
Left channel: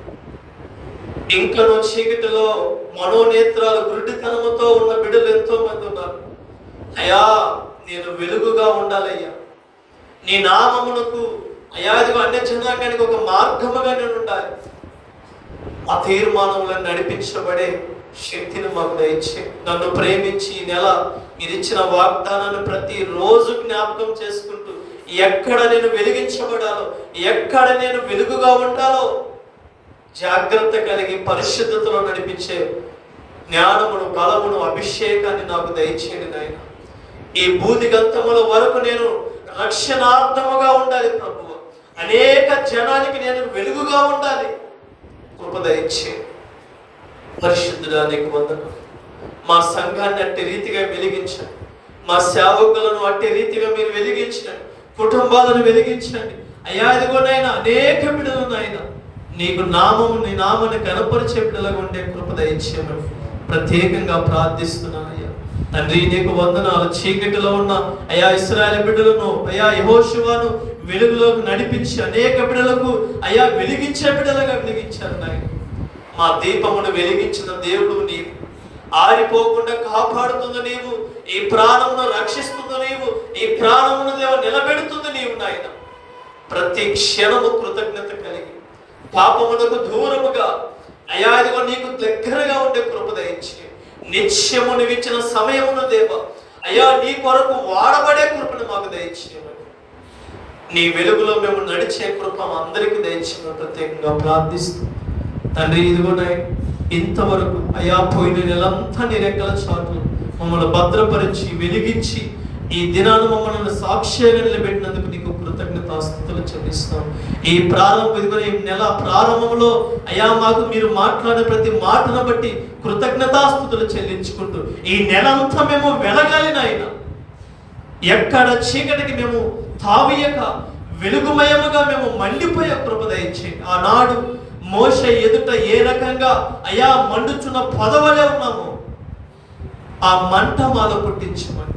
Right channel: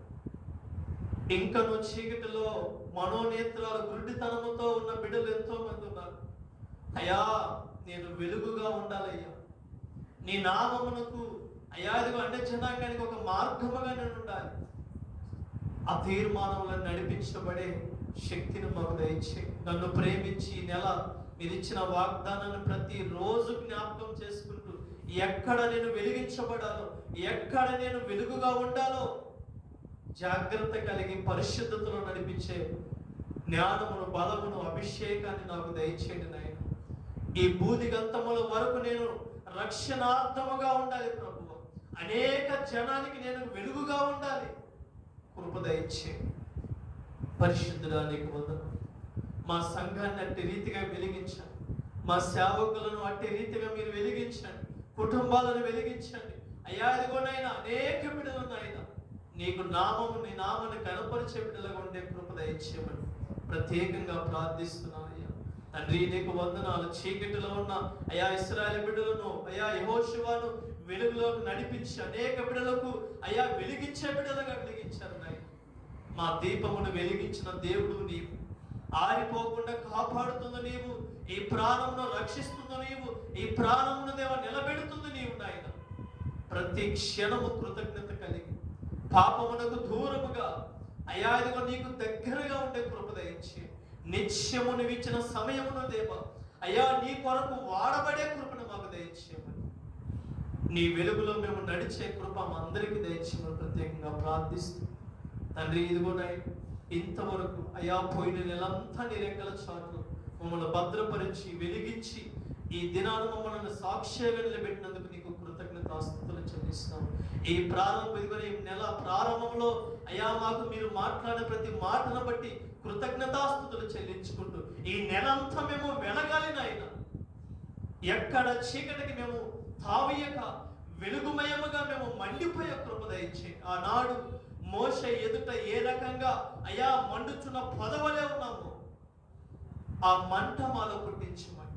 ఇంకనో చీకటిలో మనోనేత్రాలు గురుడితనముతో ఉన్న బిడ్డలు ఎంతో మంది ఉన్నారు. అయ్యా, నేను వెలుగుగా ఉండాలయ్యా. నీ నామమునకు అయ్యా ఇదిగో అన్య జనాంగానికి ఒక మార్గముగా నేను ఉండాలి. ఆ తీర్మానములను నడిపించబడే శక్తిని మాకు దయచే. నన్ను ప్రేమించి ఈ నెల మీరు ఇచ్చిన వాగ్దానాన్ని ప్రతిరోజు జ్ఞాపకం చేసుకుంటూ ఎక్కడ నేను వెలిగించబడాలో, ఎక్కడ నేను వెలుగుగా ఉండాలో జాగ్రత్త కలిగి పరిశుద్ధతలో నడిపించే జ్ఞానమును, బలమును, అభిషేకాన్ని నాకు దయచేయండి నాయన. ఈ భూదిగంతముల వరకు నేను రక్షణార్థముగా ఉండాలి ప్రభువు. అనేక జనానికి నేను వెలుగుగా ఉండాలి. కృప దయచేయండి. పరిశుద్ధుడా నీకు వందనాలు. మా సంఘాన్ని అట్టి రీతిగా వెలిగించండి. మా సేవకులను అట్టి రీతిగా మీరు వెలిగించండి. కుటుంబాలను వెలిగించండి అయ్యా. ఇదిగోనైనా అనేక బిడ్డలు నాయన నీకు నామము, నీ నామాన్ని కనపరిచే బిడ్డలుగా ఉండే కృప దయచేయమని ప్రత్యేకంగా ప్రార్థిస్తున్నాను అయ్యా. తండ్రి నీకు వందనాలు. చీకటిలో ఉన్న అయ్యా ఇశ్రాయేలు బిడ్డలను అయ్యా యెహోషువను వెలుగులోకి నడిపించి అనేక బిడ్డలకు అయ్యా వెలిగించే బిడ్డలుగా వెలిగించారు నాయన. మా దీపమును వెలిగించిన దేవుడు నీవు, ఆరిపోకుండా కాపాడుతుంది నీవు, ఈ ప్రాణమును రక్షిస్తుంది నీవు, ఈ ప్రాణమును దేవ నిలబెడుతుంది నీవు నాయన. ప్రతి క్షణము కృతజ్ఞత కలిగి పాపమునకు దూరముగా అయ్యా ఇదిగో నీకు దగ్గరగా ఉండే కృప దయచి నిత్యము నువ్విచ్చిన సమయమును దేవ అయ్యా నీ కొరకు వాడబడే కృపను మాకు దయచేయమని, నీ వెలుగులో మేము నడిచే కృప అందరికీ దయచేయమని ప్రత్యేకంగా ప్రార్థిస్తూ తండ్రి ఇదిగోనాయి ఇంతవరకు అయ్యా పోయిన నెలంతా నీ రెక్కల చాటు మమ్మల్ని భద్రపరిచి వెలిగించి ఈ దినాన్ని మమ్మల్ని సాక్ష్యంగా నిలబెట్టినందుకు నీకు కృతజ్ఞతాస్తుతులు చెల్లిస్తాం. ఈ ఈ నెల ప్రారంభంలో అయ్యా మాకు మీరు మాట్లాడే ప్రతి మాటను బట్టి కృతజ్ఞతాస్తుతులు చెల్లించుకుంటూ ఈ నెలంతా మేము వెలగాలి నాయన. ఎక్కడ చీకటికి మేము తావియక వెలుగుమయముగా మేము మండిపోయే కృప దయచేయండి. ఆనాడు మోషే ఎదుట ఏ రకంగా అయ్యా మండుచున్న పొదవలే ఉన్నాము, ఆ మంట మాలో పుట్టించమని,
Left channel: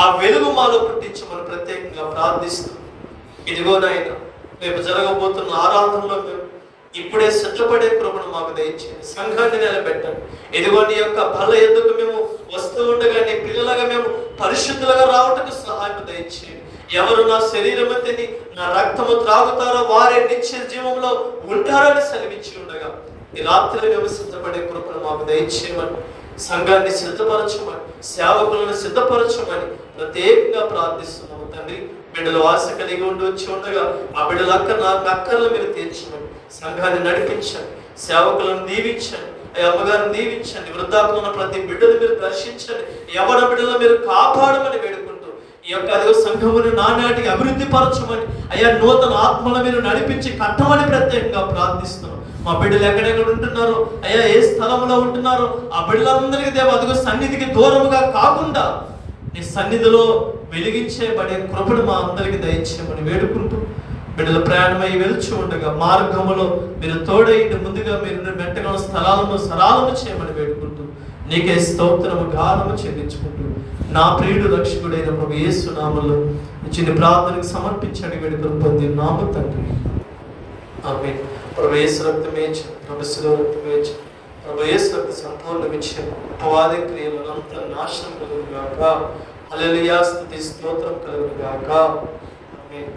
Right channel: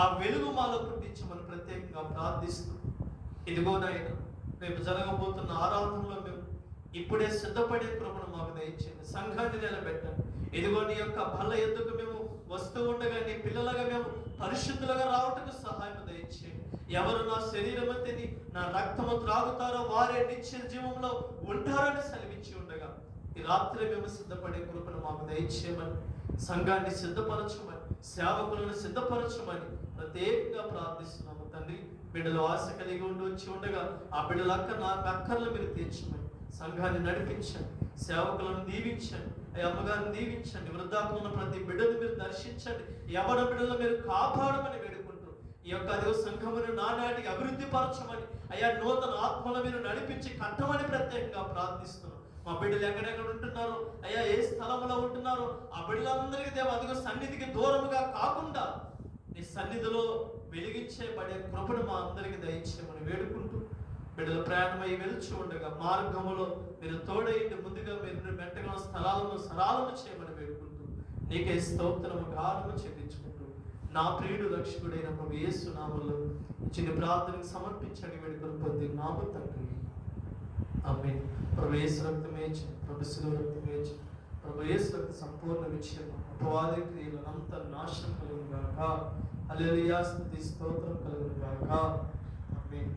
ఆ వెలుగు మాలో పుట్టించమని ప్రత్యేకంగా ప్రార్థిస్తూ ఇదిగో నాయన రేపు జరగబోతున్న ఆరాధనలో మేము ఇప్పుడే సిద్ధపడే కృపను మాకు దయచేయండి. సంఘాన్ని నిలబెట్టండి. ఇదిగో నీ యొక్క బల ఎద్దుకు మేము వస్తూ ఉండగా నీ పిల్లలుగా మేము పరిశుద్ధులుగా రావటకు సహాయం దయచేయండి. ఎవరు నా శరీరం తిని నా రక్తము త్రాగుతారో వారే నిత్య జీవంలో ఉంటారని సెలవించి ఉండగా ఈ రాత్రి మేము సిద్ధపడే కృపను మాకు దయచేయమని, సంఘాన్ని సిద్ధపరచమని, సేవకులను సిద్ధపరచమని ప్రత్యేకంగా ప్రార్థిస్తున్నాము తండ్రి. బిడ్డలు ఆశ కలిగి ఉండి వచ్చి ఉండగా ఆ బిడ్డల అక్కర్లు మీరు తీర్చమని, సంఘాన్ని నడిపించండి, సేవకులను దీవించండి, అమ్మగారిని దీవించండి, వృద్ధాప్యంలో ఉన్న ప్రతి బిడ్డను మీరు దర్శించండి, ఎవరి బిడ్డలు మీరు కాపాడమని వేడుకుంటూ ఈ యొక్క అదే సంఘమును నానాటికి అభివృద్ధి పరచమని అయ్యా నూతన ఆత్మను మీరు నడిపించి కట్టమని ప్రత్యేకంగా ప్రార్థిస్తున్నాం. మా బిడ్డలు ఎక్కడెక్కడ ఉంటున్నారో అయ్యా ఏ స్థలంలో ఉంటున్నారో ఆ బిడ్డలందరికీ దేవ అదిగో సన్నిధికి దూరముగా కాకుండా నీ సన్నిధిలో వెలిగించేబడే కృపను మా అందరికీ దయచేయమని వేడుకుంటూ బిడ్డలు ప్రయాణమై వెలుచు ఉండగా మార్గములో మీరు తోడైండి, ముందుగా మీరు మెట్టగల స్థలాలను సరాలము చేయమని వేడుకుంటూ నీకే స్తోత్రము గానము చెల్లించుకుంటూ నా ప్రియుడు రక్షకుడైన ప్రభు యేసు నామములో చిన్న ప్రార్థనకు సమర్పించండి వేడుకలు పొంది నామ తండ్రి ఆమేన్. ప్రభు యేసు రక్తమే ప్రభు శిలువ రక్తమే ప్రభు యేసు రక్త సంపూర్ణ విజయం అపవాది క్రియలను అంత నాశనం కలుగును గాక. హల్లెలూయా స్తుతి స్తోత్రం కలుగును గాక. ఆమేన్.